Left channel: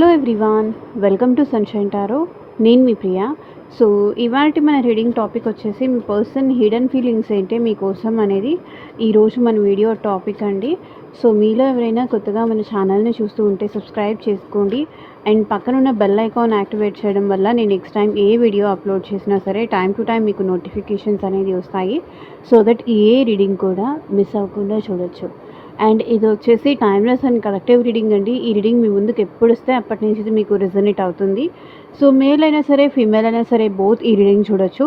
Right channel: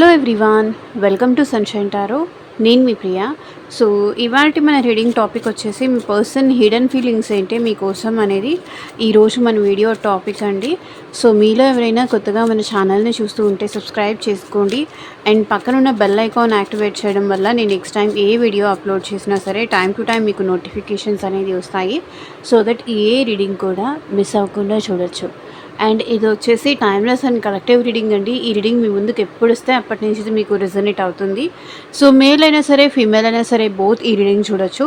Hello everyone, welcome to sunshine tarot. నేను మీ Priya. So ఇవాళ మన రీడింగ్ టాపిక్ వచ్చేసి మీ పర్సన్ హిడెన్ ఫీలింగ్స్ ఏంటి మీకోసం అనేది ఈరోజు మన వీడియో టాపిక్ అండి. సో మీలో ఎవరైనా కొత్తగా మన ఛానల్ని చూస్తూ ఉంటే సబ్స్క్రైబ్ చేసుకోండి అండ్ పక్కనున్న బెల్ ఐకాన్ యాక్టివేట్ చేయడం వల్ల నేను నెక్స్ట్ టైం ఏ వీడియో అప్లోడ్ చేసినా సరే టైం టు టైం మీకు నోటిఫికేషన్స్ అనేది వస్తాయి. సో దట్ ఏ రీడింగ్ కూడా మిస్ అవ్వకుండా చూడొచ్చు. అండ్ ఇది వచ్చేసి టైమ్లెస్ అండ్ కలెక్టివ్ రీడింగ్ అండి. ఈ రీడింగ్ మీ ముందుకు ఎప్పుడు వస్తే అప్పటి నుంచి ఇది మీకు రిజనేట్ అవుతుంది. సో మేల్ అయినా సరే ఫీమేల్ అయినా సరే బోత్ ఈ రీడింగ్ చూడొచ్చు.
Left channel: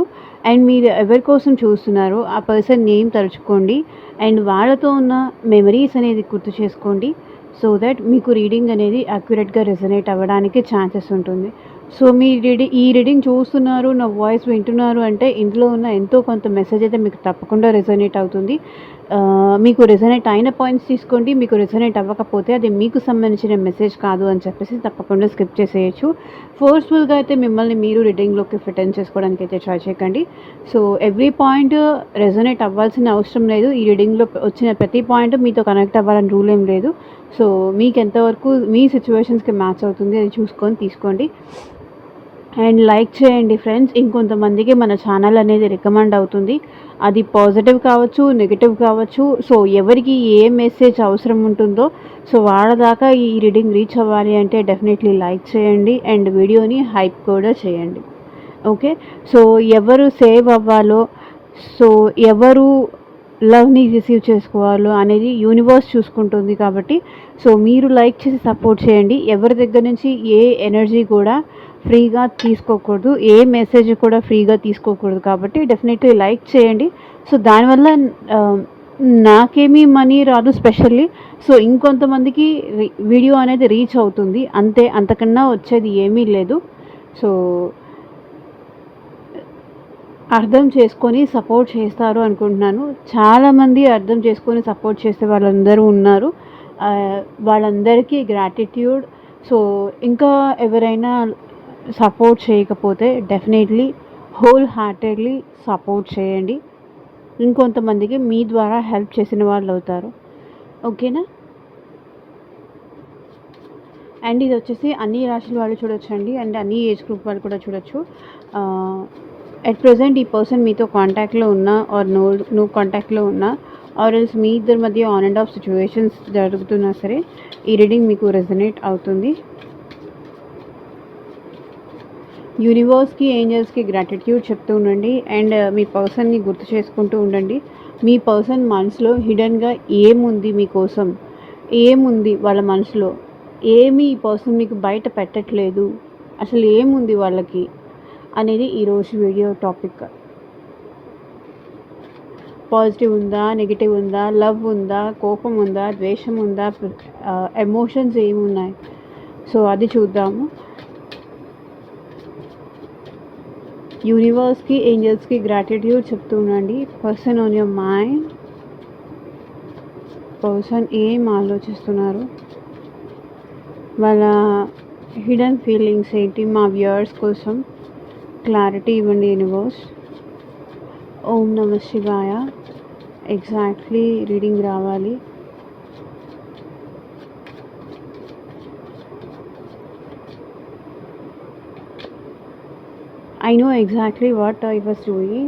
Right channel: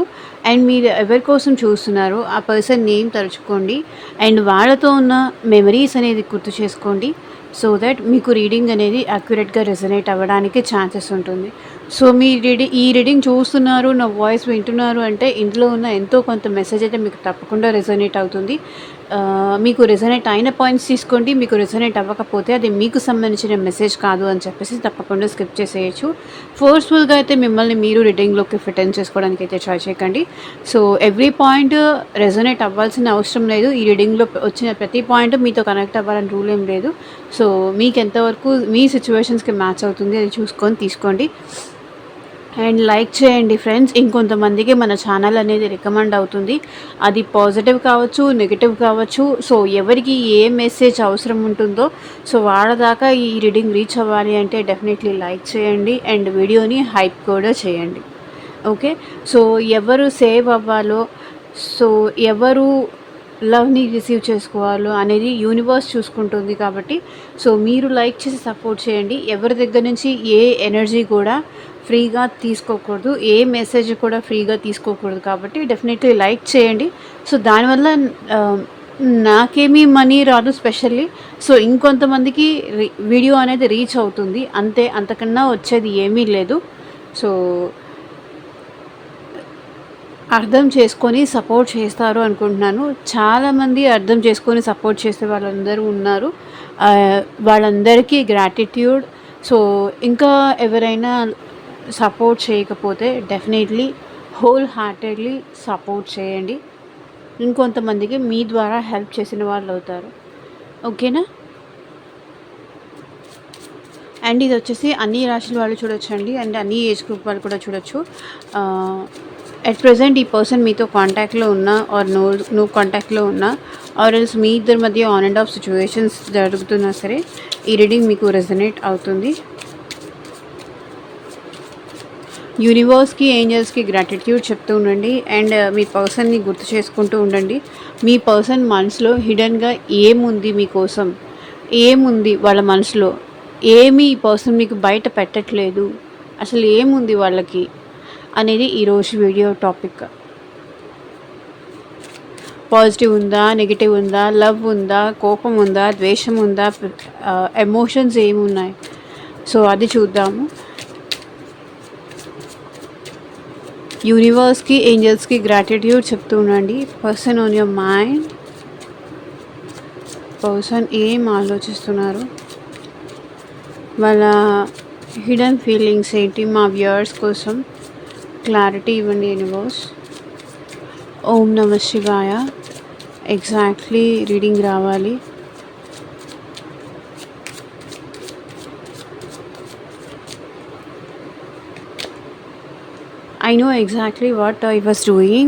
అండ్ మీరు ఎవరి కోసం చూస్తున్నారో ఆ పర్సన్ నేమ్ తలుచుకోండి అండ్ వాళ్ళతో ఉన్న మెమరీస్ అనేది గుర్తు చేసుకోండి. సో దట్ మీకు రీడింగ్ అనేది అక్యురేట్గా రెజనేట్ అవ్వడానికి ఛాన్సెస్ ఉంటుంది. సో మీ ఈ రీడింగ్ చూస్తున్నారు, నా వాయిస్ వింటున్నారు అంటే ఇందులో ఉన్న ఎంతో కొంత మెసేజ్ అయితే మీకు తప్పకుండా రెజనేట్ అవుతుంది. మీకు రెజనేట్ అయిన పాయింట్స్ తీసుకోండి. మీకు రెజనేట్ అవ్వకపోతే అది మీకు సంబంధించిన మెసేజ్ కాదు అని చెప్పేసి తప్పకుండా స్కిప్ చేసేయచ్చు. ఫోర్స్ఫుల్గా అయితే మిమ్మల్ని మీరు రీడింగ్లోకి ఫిట్ ఇన్ చేసుకోవడానికి అయితే ట్రై చేయకండి. సో ఎవ్రీ పాయింట్ రెజనేట్ అవ్వాల్సిన అవసరం లేదు. ఈ రీడింగ్లో వచ్చిన ప్రతి పాయింట్ మీతో కనెక్ట్ అవ్వాలని రూల్ ఏం లేదు. సో మీకు ఎంతవరకు మీ సిచ్యువేషన్స్కి మ్యాచ్ అవుతుంది అది చూసుకొని తీసుకోండి. అండ్ లైక్ చేయండి ఫ్రెండ్స్. ఇంకొంతమందికి మన ఛానల్ అనేది రికమెండ్ అవుతుంది. అది పాజిటివ్ కావచ్చు, నెగిటివ్ కావచ్చు. సో ఎవరికి ఏ మెసేజ్ అవసరం ఉంటుందో సో వాళ్ళ దాకా ఈ రీడింగ్ రీచ్ అవ్వాలి అంటే డెఫినెట్లీ లైక్ చేయండి అండ్ వీడియోని హైప్ కూడా చేయండి. ఓకే, సో ఎవరు సేవ్ అవ్వాలో, సో ఎవరు లవ్ని రిసీవ్ చేసుకోవాలో అనేది యూనివర్స్ చూసుకుంటుంది. కాబట్టి సో మీరు లైక్ చేసి సపోర్ట్ చేయండి. ఎవరి దగ్గర నుంచి ఏ ఎనర్జీ కూడా ఫ్రీగా తీసుకోకూడదు, ఏ మెసేజ్ కూడా ఫ్రీగా తీసుకోకూడదు. కాబట్టి డెఫినెట్లీ లైక్ చేయండి. సో దానివల్ల నాకేమీ మనీ రాదు స్పెషల్లీ. సో ఇంకొంతమందికి వీడియో అనేది రీచ్ అవుతుంది అంతే, అంతకన్నా వచ్చేది ఏమీ లేదు. సో అర్థం చేసుకొని సపోర్ట్ చేస్తారు అనుకుంటున్నాను. చాలామంది అర్థం చేసుకొని సపోర్ట్ చేసే వాళ్ళందరూ ఉన్నారు. వాళ్ళందరికీ గ్రాటిట్యూడ్. సో ఇంకా ఎవరైనా సపోర్ట్ చేయకపోతే డెఫినెట్లీ హోల్ హార్టెడ్లీ సపోర్ట్ చేయండి. ఇంకొంతమందికి మీ ద్వారా హెల్ప్ చేసిన వాళ్ళు అవుతారు. ఓకేనా? అండ్ ఇది వచ్చేసి అన్ని రాశుల వాళ్ళు చూడొచ్చండి అండ్ అన్ని ఏజ్ గ్రూప్ వాళ్ళు కూడా చూడొచ్చు. అట్ ప్రెజెంట్ ఈ పర్సన్ మీతో కాంటాక్ట్లో ఉన్నా ఆర్ నో కాంటాక్ట్లో ఉన్నా ఆర్ ఎల్స్ మీ ఇద్దరి మధ్య ఆన్ అండ్ ఆఫ్ సిచ్యువేషన్స్ జరుగుతున్నా సరే ఈ రీడింగ్ మీకు రెజనేట్ అవుతుంది. యూనివర్స్కి, ఏంజల్స్కి గ్రాటిట్యూడ్ చెప్తూ ఉండండి అండ్ మీ పర్సన్ని గుర్తు చేసుకుంటూ ఉండండి. మీ పర్సన్ మనసులో హిడెన్గా ఏముంది, మీకోసం ఏముంది, వాళ్ళ మనసులో ఏమి ఈ పర్సన్ మీకు బయట పెట్టట్లేదు, అసలు ఏముంది వాళ్ళకి అనేది ఈరోజు వీడియో టాపిక్. పాజిటివ్ ఉందా, నెగిటివ్ ఉందా, లవ్ ఉందా, కోపం ఉందా, ద్వేషం ఉందా, ఎమోషన్స్ ఏమున్నాయి, సో అది చూద్దాము. యూనివర్స్కి, ఏంజల్స్కి గ్రాటిట్యూడ్ చెప్తూ ఉండండి. Person on your mind, person ఏం ఆలోచిస్తున్నారు, వాళ్ళ హిడెన్ ఫీలింగ్స్ ఏంటి, మా వ్యూయర్స్ కోసం క్లారిటీ ఇవ్వండి యూనివర్స్. ఓం నమ శివాయ. ఎగ్జాక్ట్లీ రీడింగ్ రావాలి. I know exactly what I was doing.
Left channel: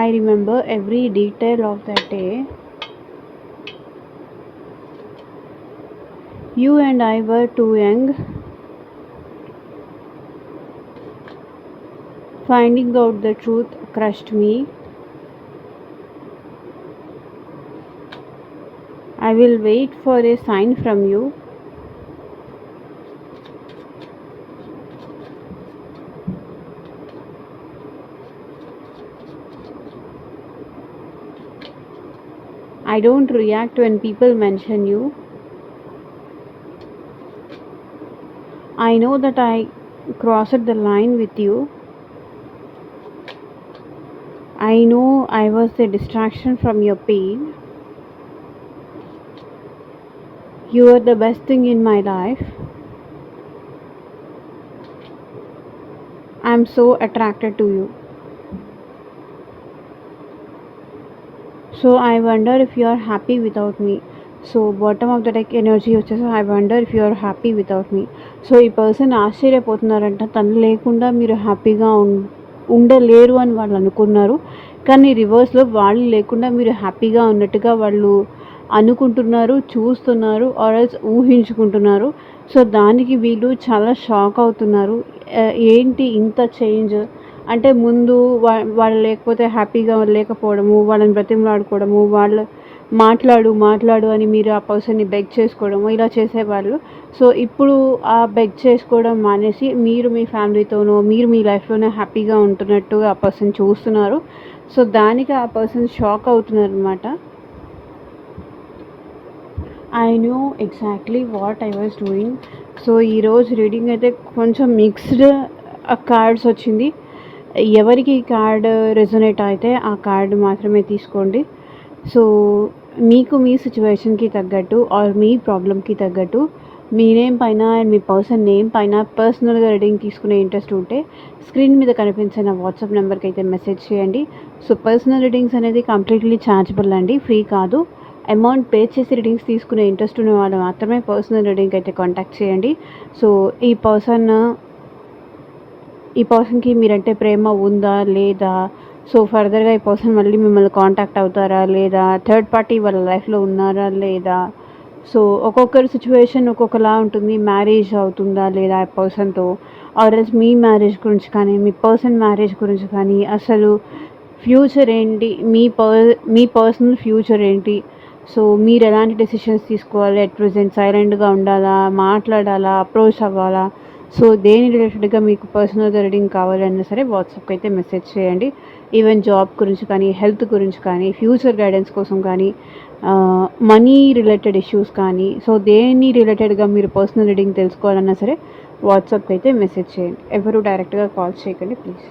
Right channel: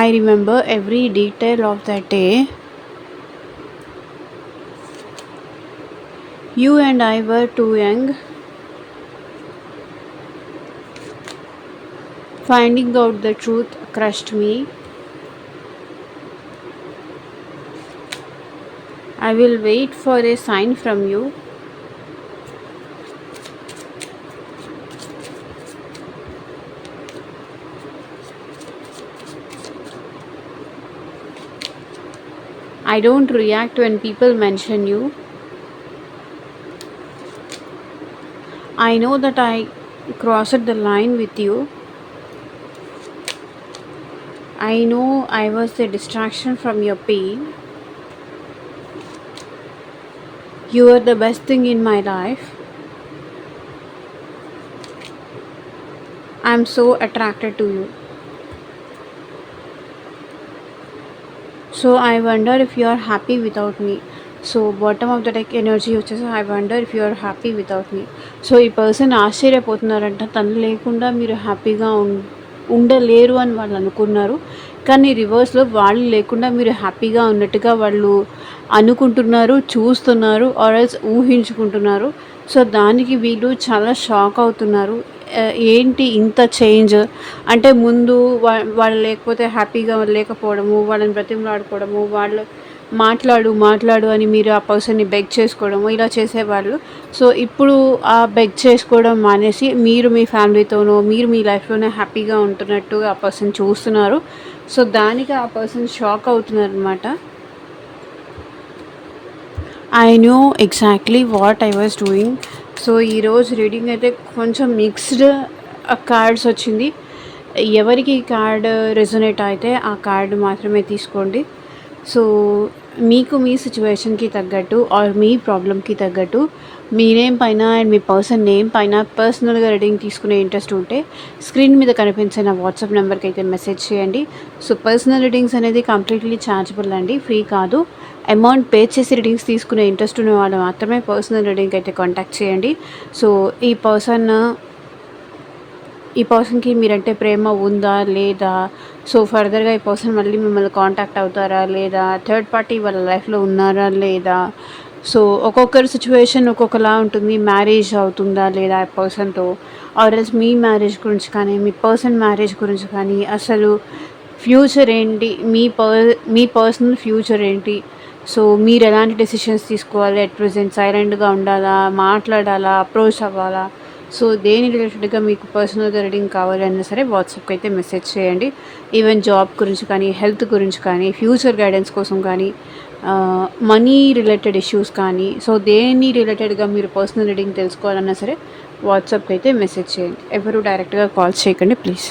I remember every detail of that day. You and I were too young. Finding out the truth crushed me. I will wait for a sign from you. I don't react when people mention you. I know that I crossed the line with you. I know I was the distraction from your pain. You are the best thing in my life. I am so attracted to you. So I wonder if you are happy without me. So bottom of the deck energy వచ్చేసి I wonder if you are happy without me. So ఈ person ఆశ్చర్యపోతున్నారంట, తను లేకుండా మీరు హ్యాపీగా ఉండలేరు అని వాళ్ళు అనుకున్నారు. కానీ రివర్స్లో వాళ్ళు లేకుండా మీరు హ్యాపీగా ఉన్నట్టుగా వాళ్ళు అనుకుంటున్నారు, చూస్తున్నారు, ఆర్ఎల్స్ ఊహించుకుంటున్నారు. సో దానికి వీళ్ళు చాలా షాక్ అవుతున్నారు. ఏంటి ఇంత చేంజ్ అంటే, ముందు వాళ్ళు లేకపోతే హ్యాపీగా లేకపోవడము, వాళ్ళని బ్రతిమలాడుకోవడము, వాళ్ళు మాట్లాడు అని మీరు ఆ పర్సన్ని బెగ్ చేసుకోవడము ఇలా చేసేవాళ్ళు. సో ఇప్పుడు ఆ బెగ్ చేసుకోవడం మానేసి మీరు మీ ఫ్యామిలీతోనో, మీరు మీ లైఫ్లోనే హ్యాపీగా ఉంటున్నట్టుగా ఆ పర్సన్ చూస్తున్నారు. సో దానికి ఆ పర్సన్ షాక్ అవుతున్నారనమాట. I know exactly what I was doing. So ఈరోజు రీడింగ్ అయితే కొంచెం మిక్స్డ్ కార్డ్స్ వచ్చింది. ఎవరికి కార్డ్ రెజొనేట్ అయితే ఆ కార్డ్ మాత్రమే తీసుకోండి. సో మీకు మీ సిచ్యువేషన్కి తగ్గట్టు ఆర్ మీ ప్రాబ్లమ్కి తగ్గట్టు మీ నేమ్ పైన అండ్ మీ పర్సన్ నేమ్ పైన పర్సనల్గా రీడింగ్ తీసుకునే ఇంట్రెస్ట్ ఉంటే స్క్రీన్ మీద కనిపించిన వాట్సాప్ నెంబర్కి అయితే మెసేజ్ చేయండి. సో పర్సనల్ రీడింగ్స్ అనేది కంప్లీట్లీ ఛార్జబుల్ అండి, ఫ్రీ కాదు. అమౌంట్ పే చేసి రీడింగ్స్ తీసుకునే ఇంట్రెస్ట్ ఉన్న వాళ్ళు మాత్రమే పర్సనల్ రీడింగ్ అయితే కాంటాక్ట్ చేయండి. సో ఈ పర్సన్కి మీరంటే ప్రేమ ఉందా లేదా, సో ఫర్దర్గా ఈ పర్సన్ మళ్ళీ మిమ్మల్ని కాంటాక్ట్ అవుతారా లేదా, థర్డ్ పార్టీ వాళ్ళ లైఫ్లో ఉన్నారా లేదా, సో ఒక్కొక్కరి సిచ్యువేషన్ ఒక్కొక్కలా ఉంటుంది. మ్యారేజ్ అవుతుందా లేదా ఆ పర్సన్తో, ఆర్ఎల్స్ మీ మ్యారేజ్ గురించి కానీ మీ పర్సన్ మ్యారేజ్ గురించి కానీ, అసలు ఫ్యూచర్ ఏంటి, మీ పర్సనల్ ఫ్యూచర్ ఏంటి, సో మీరు ఎలాంటి డెసిషన్స్ తీసుకోవాలి, అట్ ప్రజెంట్ సైలెంట్గా ఉండాలా, మాట్లాడాలా, అప్రోచ్ అవ్వాలా, సో దేని రిలేటెడ్గా మీకు పర్సనల్గా రీడింగ్ కావాలన్నా సరే వాట్సాప్కి అయితే మెసేజ్ చేయండి. ఈవెన్ జాబ్ గురించి కానీ, హెల్త్ గురించి కానీ, ఫ్యూచర్ గైడెన్స్ కోసం కానీ, మనీ రిలేటెడ్ ఇష్యూస్ కానీ, సో దేని రిలేటెడ్గా మీరు పర్సనల్ రీడింగ్ తెలుసుకోవాలన్నా సరే వాట్సాప్కి అయితే మెసేజ్ చేయండి. ఎవరు డైరెక్ట్గా కాల్ చేయకండి please.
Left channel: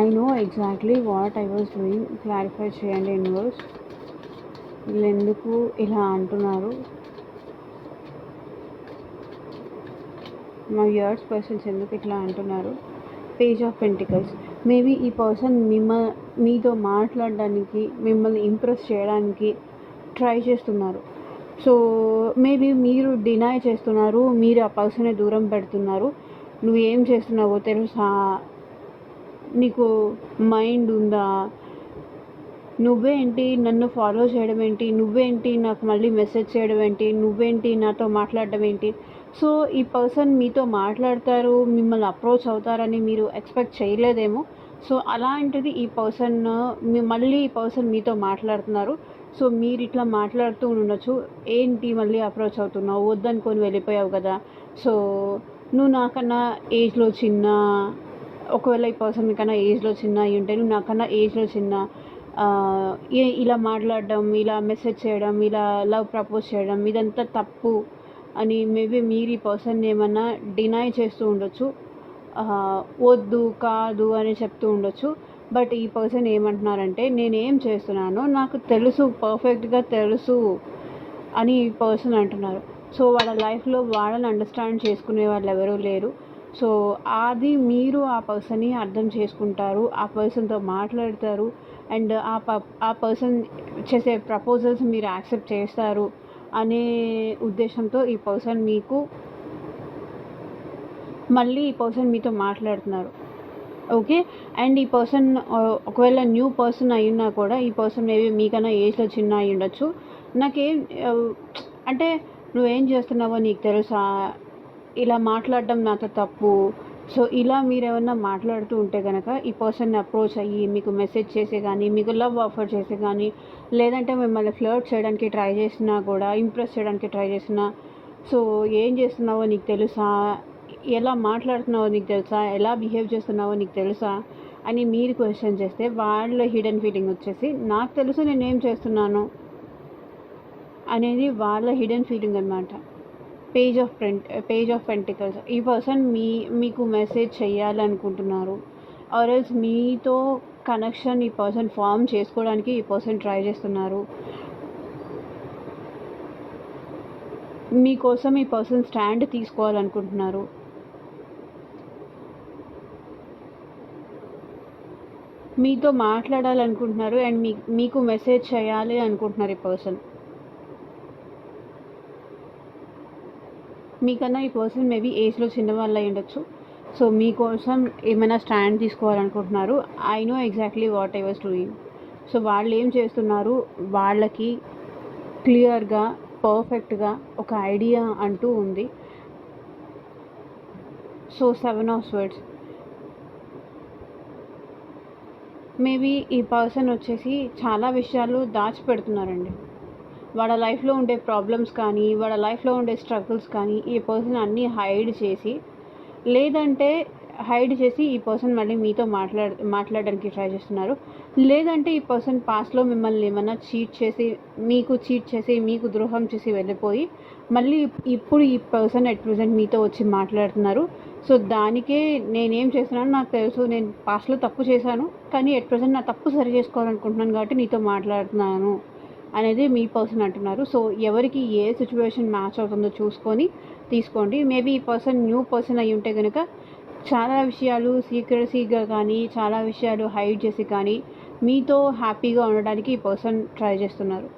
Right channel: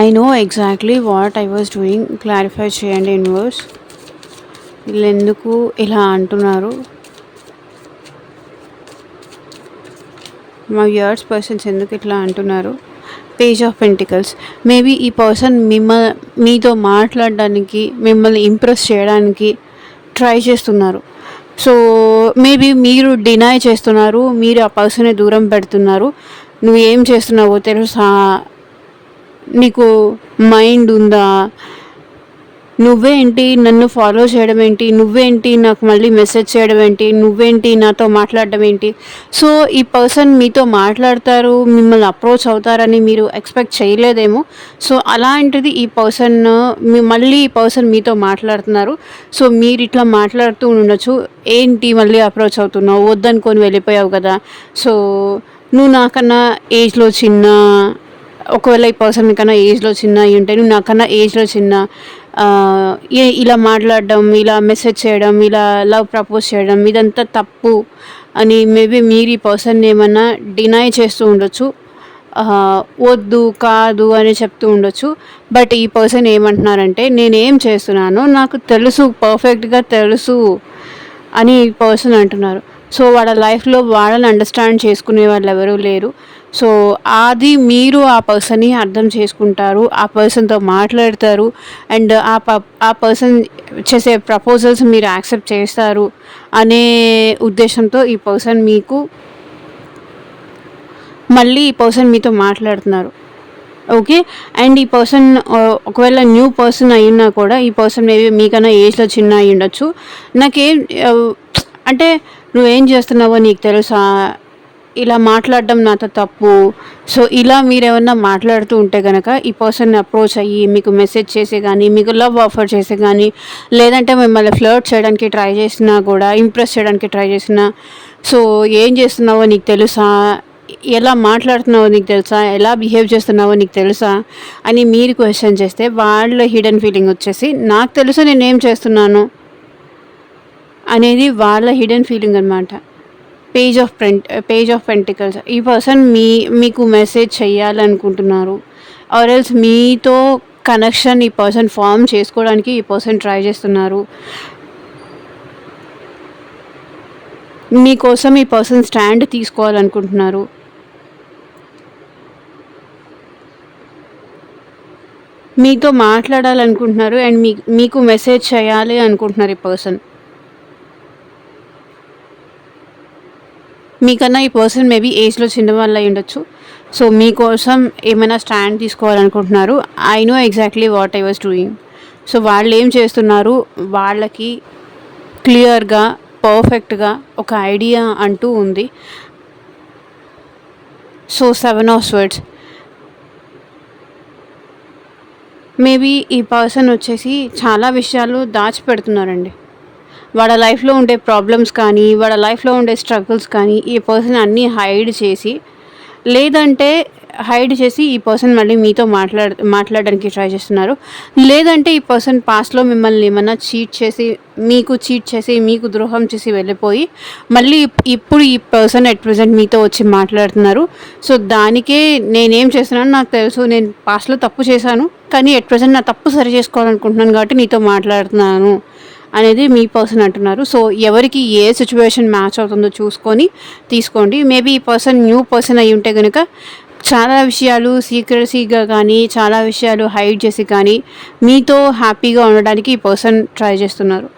I know exactly what I was doing. Clarify చేయండి యూనివర్స్, వీళ్ళు ఎందుకు ఇలా అంటున్నారు, మా వ్యూయర్స్ పర్సన్స్ ఎందుకు ఇట్లా అంటున్నారు. Page of pentacles. మేబీ ఈ పర్సన్ మీతో మాట్లాడడానికి, మిమ్మల్ని ఇంప్రెస్ చేయడానికి ట్రై చేస్తున్నారు. సో మేబీ మీరు డినై చేస్తున్నారు, మీరు ఆ పర్సన్ని దూరం పెడుతున్నారు. నువ్వు ఏం చేస్తున్నావో తెలుసా, నీకు మైండ్ ఉందా, నువ్వేంటి నన్ను ఫాలో చేయడం ఏంటి, నువ్వేంటి నాకు మళ్ళీ మెసేజ్ చేయడం ఏంటి, నువ్వేంటి నాతో మాట్లాడడం ఏంటి. సో ఈ పర్సన్ మీతో మాట్లాడతారు, మిమ్మల్ని అప్రోచ్ అవుతారని మీరు ఎక్స్పెక్ట్ చేయలేదేమో. సో అలాంటిది ఈ పర్సన్ మళ్ళీ ఈ పర్సన్ మీతో మాట్లాడుతున్నారు. సో మీరు ఇట్లా మాట్లాడుతూ ఉండొచ్చు, ఏంటి మళ్ళీ అప్రోచ్ అవుతున్నావు, వద్దనుకొని వెళ్ళిపోయావు కదా, సో నువ్వు నాకన్నా ఏజ్లో చిన్న, ఒకవేళ ఈ పర్సన్ మీకన్నా ఏజ్లో చిన్న అయి ఉంటే, నువ్వు నాకన్నా ఏజ్లో చిన్న, ఇలా మాట్లాడడం, ఇలా మెసేజ్ చేయడం, ఇలా లవ్ ప్రపోజ్ చేయడం ఇదంతా తప్పు అని మేబీ మీరు ఈ పర్సన్ ఏమన్నా డినై చేస్తూ ఉండొచ్చు, వద్దు కాదు అని చెప్తూ ఉండొచ్చు. బట్ ఈ పర్సన్ ఏమంటున్నారంటే, నేనేం చేస్తున్నానో నాకు తెలుసు, పర్ఫెక్ట్గా తెలుసు అని ఈ పర్సన్ అంటున్నారు. సో వాళ్ళ లైఫ్లో వాళ్ళని అండర్స్టాండ్ చేసుకునే వాళ్ళు ఎవరూ లేరు. సో అది మీరు ఆ పర్సన్ని అర్థం చేసుకుంటారు, ఆ పర్సన్తో మాట్లాడతారు, అండ్ ఆ పర్సన్ చేసే ప్రపోజల్స్ మీరు యాక్సెప్ట్ చేస్తారు అనే ఉద్దేశంతో ఈ పర్సన్ మళ్ళీ ఈ పర్సన్ మీతో మాట్లాడుతున్నారు. ఓకే. అండ్ ఈ పర్సన్ ఒకవేళ న్యూ పర్సన్ అయినా కూడా ఈ పర్సన్ మేబీ మీకన్నా ఏజ్లో చిన్న అయి ఉండొచ్చు. నాకేం అంటే నువ్వేం చేస్తున్నావో నీకు తెలుసా, ఇలా మాట్లాడడం నాతో తప్పు. సో ఇలా మీరేమన్నా మాట్లాడుతూ ఉంటే కనుక ఈ పర్సన్ని అప్రోచ్ అయ్యి మీకు మెసేజ్ చేసి కానీ, మీకు లవ్ ఆఫర్ చేసి కానీ, లేదంటే మిమ్మల్ని ఫ్లర్ట్ చేయడానికి ట్రై చేసినా కూడా, ఇంప్రెస్ చేయడానికి ట్రై చేసినా, సో ఏం చేస్తున్నావో నీకు తెలుసా, ఎలా మాట్లాడుతున్నావో నీకు తెలుసా, ఎలా బిహేవ్ చేస్తున్నావో నీకు తెలుసా అని మీరు క్వశ్చన్ చేస్తే వాళ్ళ హిడెన్ ఫీలింగ్ వచ్చేసి నాకు తెలుసు నేనేం చేస్తున్నాను అనేది వాళ్ళ హిడెన్ ఫీలింగ్ అనమాట. Page of pentacles. ఈ పర్సన్ మీకు మెసేజ్ చేయాలనుకుంటున్నారు, ఆర్ ఎల్స్ మీతో కనెక్షన్ ఈ పర్సన్ ఫామ్ చేసుకోవడానికి ఈ పర్సన్ ట్రై చేస్తున్నారు. మీకోసం ఈ పర్సన్ స్టాండ్ తీసుకోవాలనుకుంటున్నారు. మీతో మాట్లాడాలనుకుంటున్నారు అండ్ మీకు మెసేజ్ చేయాలి అనుకుంటున్నారు ఈ పర్సన్. మీకన్నా ఈ పర్సన్ మేబీ ఏజ్లో చిన్నవాళ్ళు అయి ఉండొచ్చు. సో మీకోసం ఏమైనా స్టాండ్ తీసుకోవాలనుకుంటున్నారు. I know exactly what I was doing. So వాళ్ళు ఏం చేస్తున్నారు, వాళ్ళకి క్లియర్గా పర్ఫెక్ట్గా ఒక ఐడియా అంటూ ఉంది. సో 7 ఆఫ్ స్వర్డ్స్, మేబీ ఈ పర్సన్ వచ్చేసి చాలా విషయాలు దాచిపెడుతున్నారండి. వాళ్ళ లైఫ్లో ఉండే ప్రాబ్లమ్స్ కానీ, వాళ్ళ లైఫ్లో ఉండే స్ట్రగుల్స్ కానీ ఈ పర్సన్ అన్నీ హైడ్ చేసి ఈ పర్సన్ మళ్ళీ మీతో మాట్లాడడానికి ట్రై చేస్తున్నారు. లేదంటే ఈ పర్సన్ పాస్ట్లో మిమ్మల్ని ఏమన్నా చీట్ చేసి మీకు ద్రోహం చేసి వెళ్ళిపోయి మళ్ళీ ఇప్పుడు ఈ పర్సన్ అట్ ప్రజెంట్ మీతో వచ్చి మాట్లాడుతున్నారు. సో దానికే నేనేం చేస్తున్నాను నాకు తెలుసు, నేను పాస్ట్లో తప్పు చేశాను కానీ ఎట్ ప్రజెంట్ నా తప్పు సరి చేసుకోవాలనుకుంటున్నాను కాబట్టి నీతో మాట్లాడుతున్నాను అనేది మీ పర్సన్ అంటున్నారు. సో ఎవరికి ఏ సిచ్యువేషన్ మ్యాచ్ అవుతుందో చూసుకొని తీసుకోండి. మేబీ ఈ పర్సన్ న్యూ పర్సన్ అయి ఉంటే కనుక చాలా విషయాలు సీక్రెసీగా కానీ, చాలా విషయాలు హైడ్ చేసి కానీ మీతో హ్యాపీగా ఉండడానికి ఈ పర్సన్ ట్రై చేస్తున్నారు.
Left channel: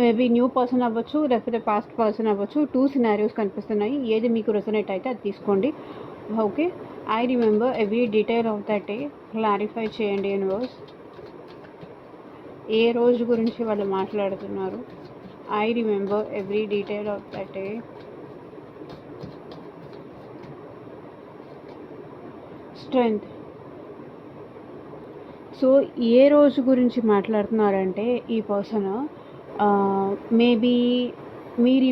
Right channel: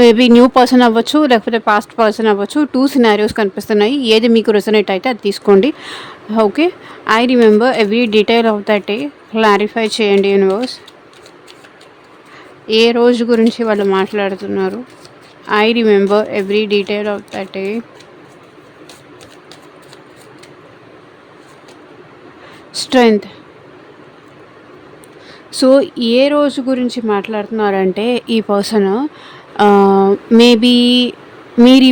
మేబీ న్యూ పర్సన్ అవ్వచ్చు, లేకపోతే పాస్ట్ పర్సన్ అవ్వచ్చు. 2 సినారియోస్ కనిపిస్తున్నాయి. ఏది మీకు రెజొనేట్ అయితే అది తీసుకోండి. Okay, I remember every detail of that day. Clarify చేయండి యూనివర్స్. ఏ రోజు గురించి వాళ్ళు మాట్లాడుతున్నారు? I remember every detail of that day. Strength. So ఏ రోజు గురించి మాట్లాడుతున్నారంటే ఈ పర్సన్ మేబీ మీరు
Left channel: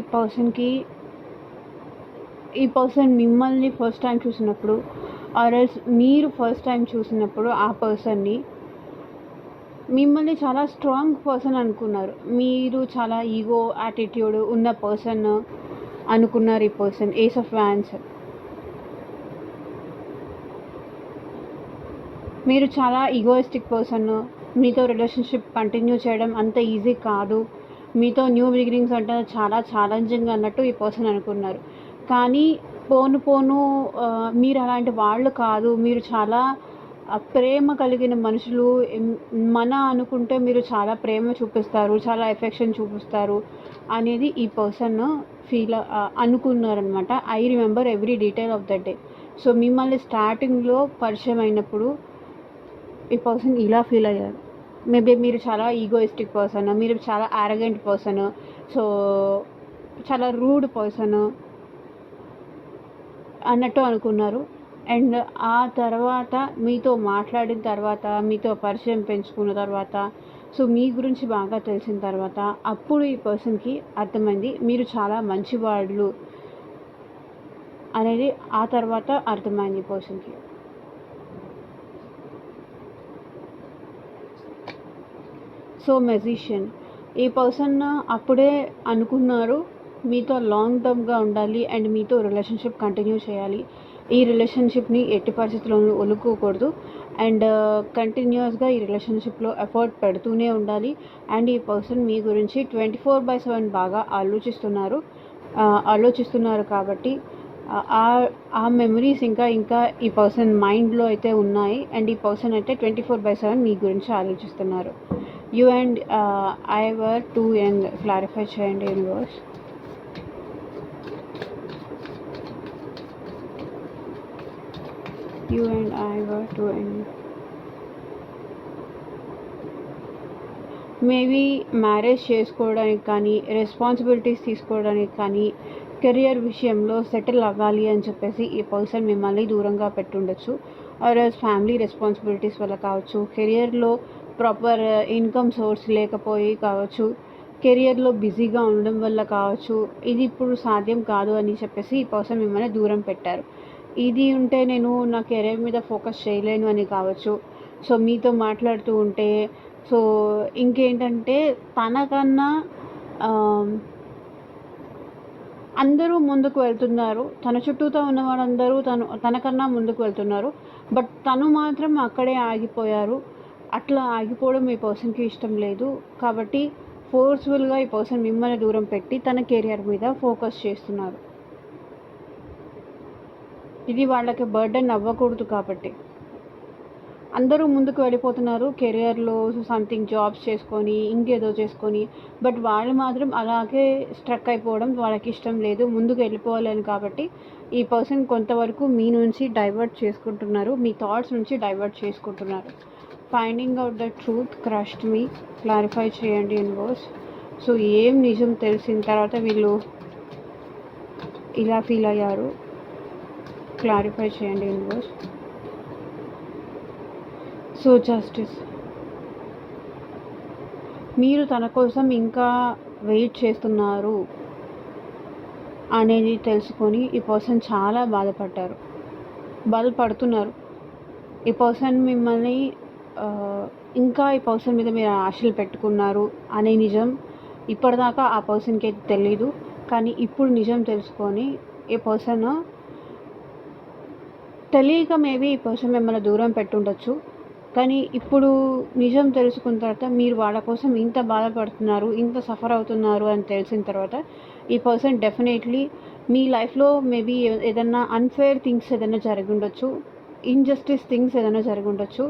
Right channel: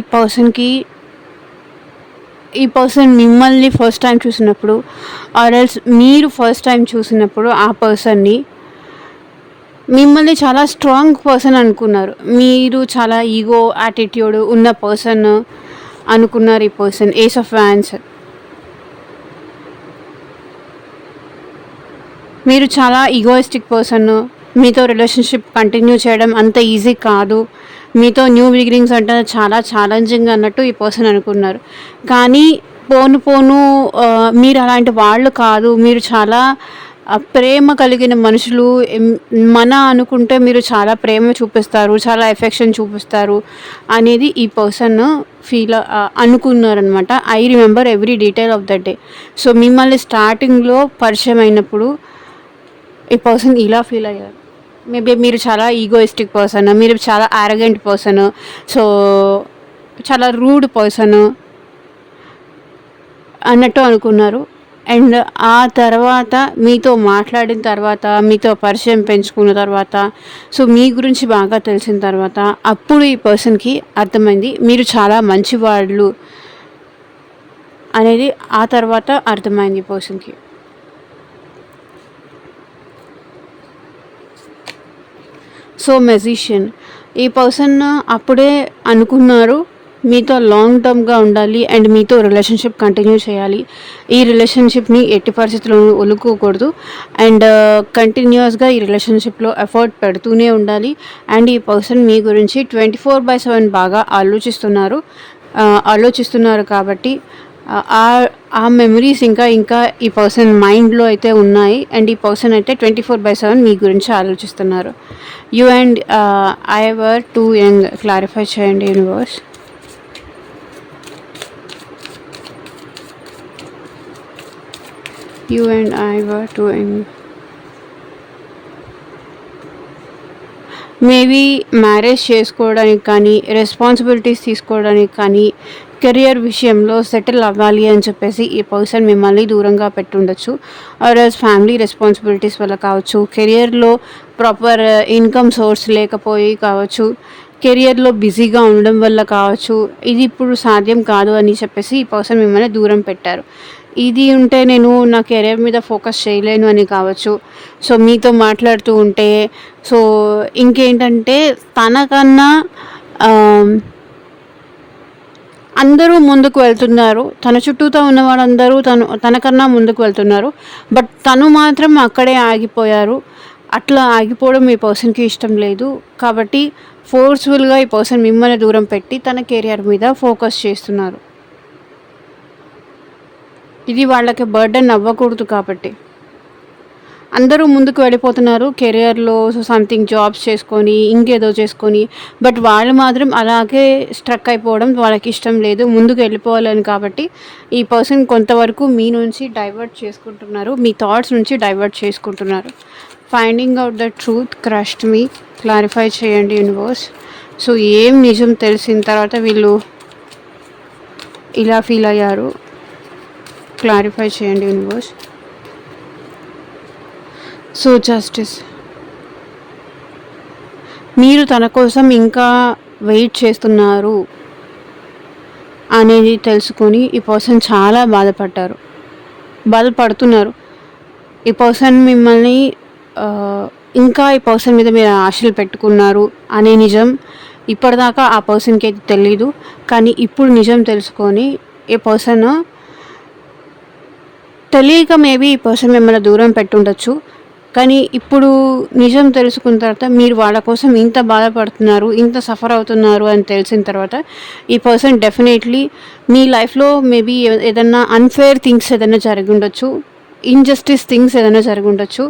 ఈ పర్సన్ మిమ్మల్ని ఫస్ట్ టైం చూసినప్పుడు ఆర్ ఎల్స్ మీరు ఫస్ట్ టైం చూసినప్పుడు ఆ పర్సన్ని మిమ్మల్ని చాలా స్ట్రాంగ్ పర్సన్ అనుకున్నారు. మీరు చాలా ఈగో యాటిట్యూడ్ ఉన్న పర్సన్ అనుకున్నారు. ఈ పర్సన్ ఏస్ ఆఫ్ వ్యాన్స్. మీరు చాలా ఈగోయిస్టిక్ పర్సన్. మీతో రిలేషన్షిప్ కంటిన్యూ చేయడం అంత ఈజీ కాదు. మీతో న్యూ బిగినింగ్స్ అంటే చాలా ఛాలెంజింగ్ అన్నట్టు ఈ పర్సన్ అనుకున్నారు. కానీ పోను మీరు అలాంటి వాళ్ళు కాదు. మీరు చాలా ప్రేమ కలిగిన మనుషులు. అనుకుంటే మీరు చాలా ప్రేమ చూపిస్తారు, చాలా ఎఫెక్షన్ చూపిస్తారు అనేది ఈ పర్సన్ అనుకున్నారనమాట. I remember every detail of that day. So మిమ్మల్ని స్టార్టింగ్లో పరిచయం అయినప్పుడు ఈ పర్సన్ ఇలా ఫీల్ అయ్యారు. మేబీ మీరు చాలా ఈగోయిస్టిక్ పర్సన్, మీరు చాలా ఆరగెంట్ పర్సన్, సో చాలా రూడ్ పర్సన్ అన్నట్టు అనుకున్నారు. అండ్ ఆ తర్వాత మీతో మాట్లాడిన తర్వాత, మీతో పరిచయం పెంచుకున్న తర్వాత, సో మీ గురించి బాగా తెలిసిన తర్వాత అప్పుడు ఈ పర్సన్కి అర్థమైంది మీరు చాలా మంచివాళ్ళు అనేది. ఆ తర్వాత అర్థమైంది ఈ పర్సన్కి. సో మెజిషియన్, ఈ పర్సన్ అప్పుడే అనుకున్నారు మీతో లాంగ్ టర్మ్గా ఉండాలి అండ్ మీతో రిలేషన్షిప్ కంటిన్యూ చేయాలి. ఈ రిలేషన్షిప్ని ఎట్టి పరిస్థితుల్లోనూ వదులుకోకూడదు అండ్ కంటిన్యూస్గా ఈ రిలేషన్షిప్లో ఎఫర్ట్ పెడుతూనే ఉండాలి. అండ్ ఈ పర్సన్ మీ గురించి 24/7 బాగా ఆలోచిస్తున్నారు కాబట్టి ఆ మెమరీస్ ఇంకా ఈ పర్సన్ మైండ్లో అయితే ఉన్నాయి. అండ్ ఈ పర్సన్ అయితే 24/7 మీ గురించి ఆలోచిస్తున్నారు. You and I were too young. Clarify చేయండి universe. You and I were too young. Maybe marriage చేసుకోవడానికి కానీ, రెస్పాన్సిబిలిటీస్ తీసుకోవడానికి కానీ, కెరియర్ విషయంలో సెటిల్ అవ్వాలి అని చెప్పేసి ఈ పర్సన్ మిమ్మల్ని దూరంగా పెట్టుండొచ్చు. ఆర్ఎల్స్ ఫ్యామిలీ రెస్పాన్సిబిలిటీస్ వల్ల కావచ్చు, కెరియర్లో ప్రాపర్ ఇన్కమ్ సోర్స్ లేకపోయి కావచ్చు, కెరియర్లో బిజీగా ఉండడం వల్ల కావచ్చు. ఇది ఇప్పుడు సాధ్యం కాదు అని చెప్పేసి ఈ పర్సన్ మిమ్మల్ని దూరం పెట్టారు. ఇది ఉంటే నేను నా కెరియర్ మీద ఫోకస్ చేయలేను అని కావచ్చు. సో మీతో మాట్లాడుతూ ఉంటే సో ఇంకేంటంటే తనకన్నా అందరూ ముందుకు వెళ్తున్నారు. తన చుట్టూతో ఉన్న వాళ్ళందరూ తనకన్నా ముందుకు వెళ్తున్నారు. బట్ తను మాత్రం అక్కడే ఆగిపోయారు. అట్లా ఆగిపోవడం ఈ పర్సన్కి ఇష్టం లేదు. కాబట్టి ఫోర్స్ఫుల్గా ఈ పర్సన్ మిమ్మల్ని దూరం పెట్టి తన కెరియర్ మీద ఫోకస్ చేస్తున్నారు. ఇది వాళ్ళకి బర్డెన్ అవ్వకూడదు కాబట్టి. అందరూ ముందుకు వెళ్ళిపోతున్నారు కెరియర్‌లో. సో, సంథింగ్ జాబ్స్ చేసుకొని, ఇంకేదో చేసుకొని. బట్ వాళ్ళు మాత్రం అలాగే స్ట్రక్ అయిపోవడం వాళ్ళకిష్టం లేదు. ముందుకు వెళ్ళిపోవాలని కాబట్టి, ఈ పర్సన్ కొంతవరకు మీ నుంచి డైవర్ట్ చేసుకుంటున్నారు. మీ థాట్స్ నుంచి డైవర్ట్ చేసుకుంటున్నారు. Finding out the truth crushed me. Clarify చేయండి యూనివర్స్. సో, ఏం నిజం తెలిసిన తర్వాత వీళ్ళు ఇలా ఫీల్ అయ్యారు. క్లారిఫై చేయండి యూనివర్స్. So, justice. మీరు తన కోసం ఇంకా వెయిట్ చేస్తున్నారు అనేది తెలుసుకొని ఈ పర్సన్ చాలా బాధపడుతున్నారు. ఈ పర్సన్ మిమ్మల్ని ఇంకా ఈ పర్సన్ మీద మీరు ఆశలు పెట్టుకున్నారు అనే నిజం ఇప్పటిదాకా ఆ పర్సన్కి అయితే తెలీదు. కానీ ఇప్పుడు నిజం తెలుసుకొని ఈ పర్సన్ తెలియక మేబీ ఈ పర్సన్ మిమ్మల్ని దూరం పెట్టుండొచ్చు. కానీ ఇప్పుడు నిజం తెలుసుకున్న తర్వాత మీరు వాళ్ళ కోసం ఇంత బాధపడుతున్నారు, ఇంత సఫర్ అవుతున్నారు అని తెలిసిన తర్వాత ఈ పర్సన్ డెఫినెట్లీ మీ లైఫ్లో మేబీ ఏదన్నా అన్ఫేర్ థింగ్స్ ఏదైనా జరిగి ఉండొచ్చు, ఇన్జస్టిస్ థింగ్స్ ఏదైనా జరిగి ఉండొచ్చు.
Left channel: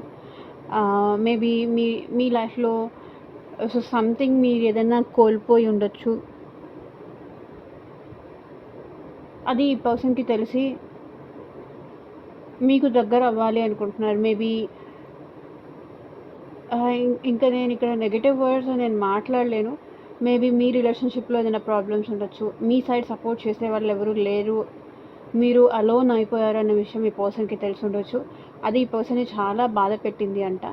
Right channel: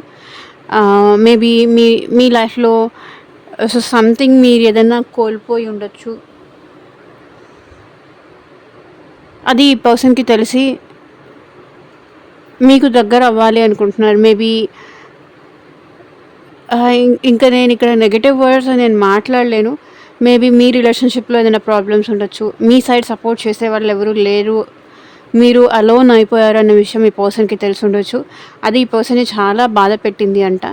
మేబీ మీ లైఫ్లో సో సంథింగ్ మీరు ఏదైనా కోల్పోయి ఉండొచ్చు. అది ఈ పర్సన్కి తెలిసి మీకు దగ్గర అవ్వాలి అనుకుంటున్నారు. మేబీ ఇంకా నేను ఇక్కడ నెగటివ్ వర్డ్స్ నేను మాట్లాడలేను. మేబీ మీ రిలేషన్షిప్లో ఏదైనా ప్రాబ్లమ్స్ ఉండొచ్చు. మీ సైడ్ సపోర్ట్ చేసే వాళ్ళు ఎవరు లేరు, మీరు అలోన్ అయిపోయారు అన్న విషయం ఈ పర్సన్కి తెలిసి ఉండొచ్చు. అది ఈ పర్సన్ని చాలా బాధ పెట్టింది అంట.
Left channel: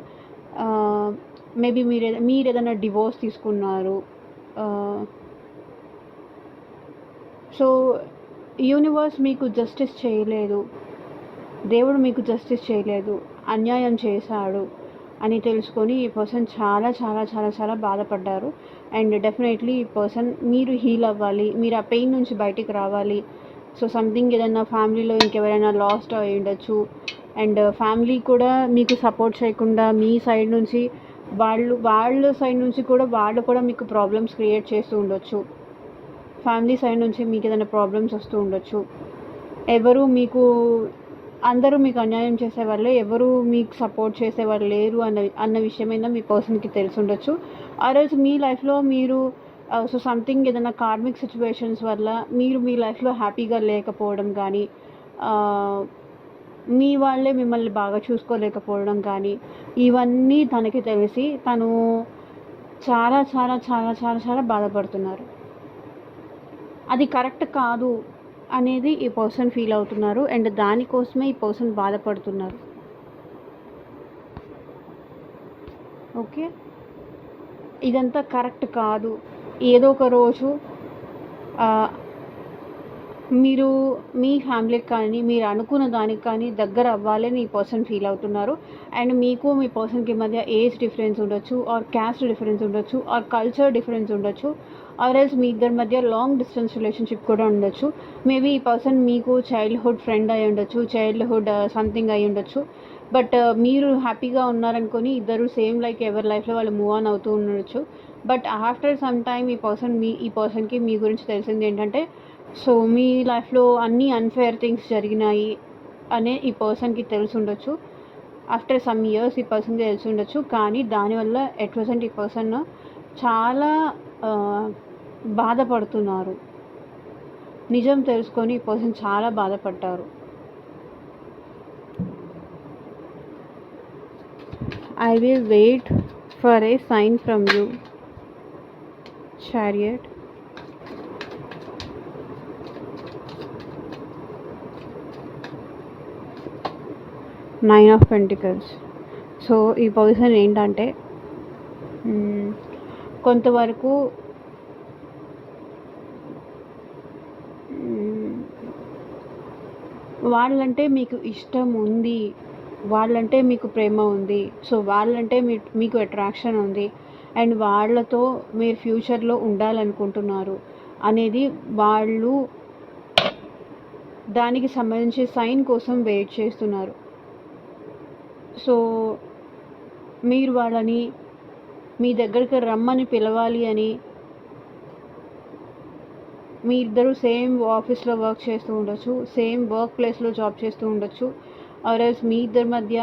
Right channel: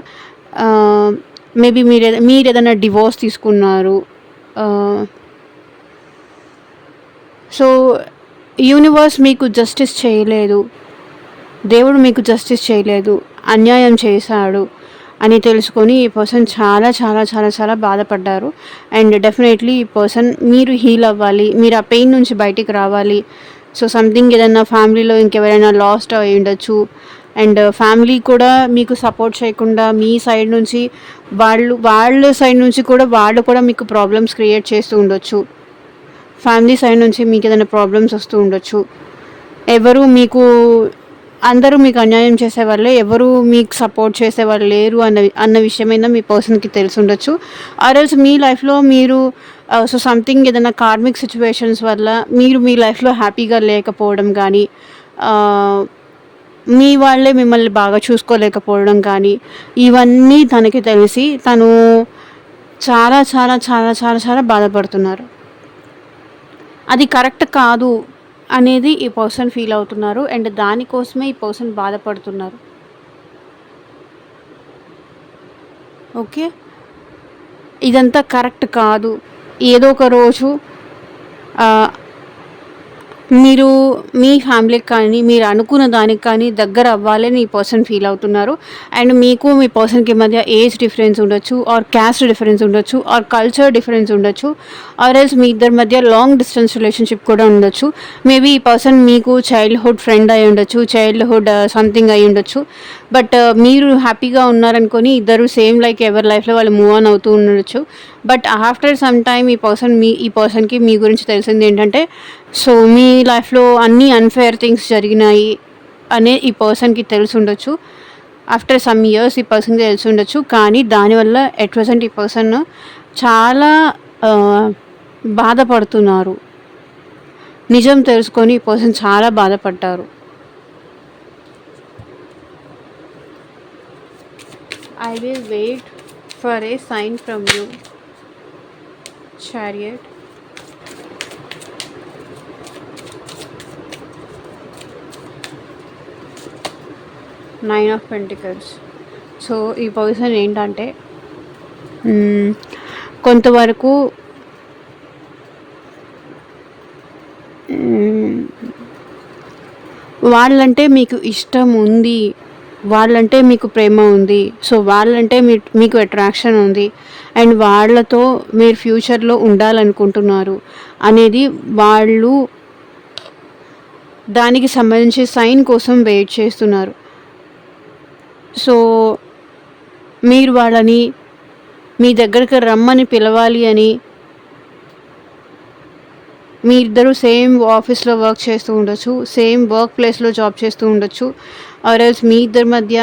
మేబీ మీరు ఏదైనా డివోర్స్ తీసుకున్నారు. సో యూనివర్స్ మీకు జస్టిస్ చేయలేదు, దేవుడు మీకు జస్టిస్ చేయలేదు, అన్యాయం చేశాడు అని తెలుసుకొని ఈ పర్సన్ చాలా చాలా చాలా చాలా బాధపడ్డారు. అండ్ డెఫినెట్లీ ఈ పర్సన్ మీరు హీల్ అవ్వాలి, మీరు ఆ పెయిన్ నుంచి బయటికి రావాలి. సో సంథింగ్ ఏదైనా ఫ్యామిలీలో ఇంకెవరైనా లాస్ట్ అయి ఉండొచ్చు. అండ్ ఫ్యామిలీ కూడా మీకు సపోర్ట్ చేయకుండా మీ సైడ్ నుంచి వాళ్ళ సైడ్ నుంచి కూడా వాళ్ళు కూడా మీకు ప్రాబ్లమ్స్ క్రియేట్ చేస్తూ ఉండొచ్చు. ఫ్యామిలీ సైడ్ నుంచి మీకు ఏదైనా ప్రాబ్లమ్స్ వస్తూ ఉండొచ్చు. అందరూ మీకు అన్యాయం చేసేవాళ్ళే, ఎవరు మీకు సపోర్ట్ చేసేవాళ్ళు లేరు అన్న విషయమైనా మీ పర్సన్కి తెలిసి ఉండొచ్చు. ఆర్ఎల్స్ మీ లైఫ్లో మీరు సో సంథింగ్ ఏదైనా కార్మిక్ సిచ్యువేషన్స్ వల్ల మీరు మీ లైఫ్లో హ్యాపీగా లేకపోవడం కానీ, మీ వాళ్ళే మిమ్మల్ని బాగా చూసుకోలేకపోవడం కానీ, ఇవన్నీ తనకి తెలిసి తను చాలా చాలా చాలా చాలా చాలా బాధపడుతున్నారు. అది కరెక్ట్ కాదు అనేది ఈ పర్సన్ ఫీల్ అవుతున్నారు. అండ్ దానికోసమే ఈ పర్సన్ బాధపడుతున్నారు. ఓకే, ఇదంతా కరెక్ట్ కాదు. ఏదో ఒక రోజు మీరు మీ ఫ్యామిలీకి కానీ మీరు అనుకున్న దానికి కానీ దగ్గర అవ్వాలని ఈ పర్సన్ ఫీల్ అవుతున్నారు. అండ్ మీకు మీ పర్సన్కి మధ్య ఏజ్ డిఫరెన్స్ ఉండొచ్చు, ఆర్ క్యాస్ట్ డిఫరెన్స్ ఉండొచ్చు, ఆర్ కల్చర్ డిఫరెన్స్ ఉండొచ్చు, ఆర్ ఎల్స్ మీ ఇద్దరి మధ్య లాంగ్ డిస్టెన్స్ రిలేషన్షిప్ కూడా ఉండొచ్చు. మేబీ ఈ పర్సన్ మీకు చైల్డ్హుడ్ ఫ్రెండ్ అయి ఉండొచ్చు, చైల్డ్హుడ్ సంథింగ్ అయి ఉండొచ్చు. బట్ మీరు హ్యాపీగా ఉన్నారనుకొని ఇద్దరు సేమ్ లైక్ ఎవరి లైఫ్లో వాళ్ళు మూవ్ ఆన్ అవుతూ ఉండొచ్చు. బట్ ఆఫ్టర్ సమ్ టైమ్ ఈ పర్సన్కి మీ గురించి తెలిసింది ఏంటంటే, సో మీ లైఫ్లో అన్నీ అన్ఫేర్ థింగ్స్ జరిగినాయి అనే ఈ పర్సన్కి తెలిసి ఉండొచ్చు. ఆఫ్టర్ సమ్ ఇయర్స్ ఈ పర్సన్కి తెలిసి ఉండొచ్చు. కానీ దానివల్ల ఎట్ ప్రెసెంట్ ఈ పర్సన్ చాలా బాధపడుతున్నారు. నిజం తెలుసుకొని ఈ పర్సన్ చాలా బాధపడ్డారు. I will wait for a sign from you. Chariot. Nine of Pentacles. So ఈ పర్సన్ ఏంటంటే కొంతవరకు వాళ్ళంటే మీకు ఇష్టం ఉంది, వాళ్ళంటే మీకు ప్రేమ ఉంది, సో వాళ్ళంటే మీకు అట్రాక్షన్ ఉంది, అండ్ వాళ్ళతో మీరు ఫ్యూచర్లో ఉండాలనుకుంటున్నారు అనేది వాళ్ళు దానికి సంబంధించి సైన్ కోసం వెయిట్ చేస్తున్నారు. సో మీరు వాళ్ళని మీ దగ్గరికి రమ్మని పిలవాలి అని, మీ ఇద్దరు సేమ్ ఆఫీస్లో వర్క్ చేస్తూ ఉండొచ్చు, సేమ్ వర్క్ ప్లేస్లో జాబ్ చేస్తూ ఉండొచ్చు, ఆర్ ఎల్స్ మీ ఇద్దరి మధ్య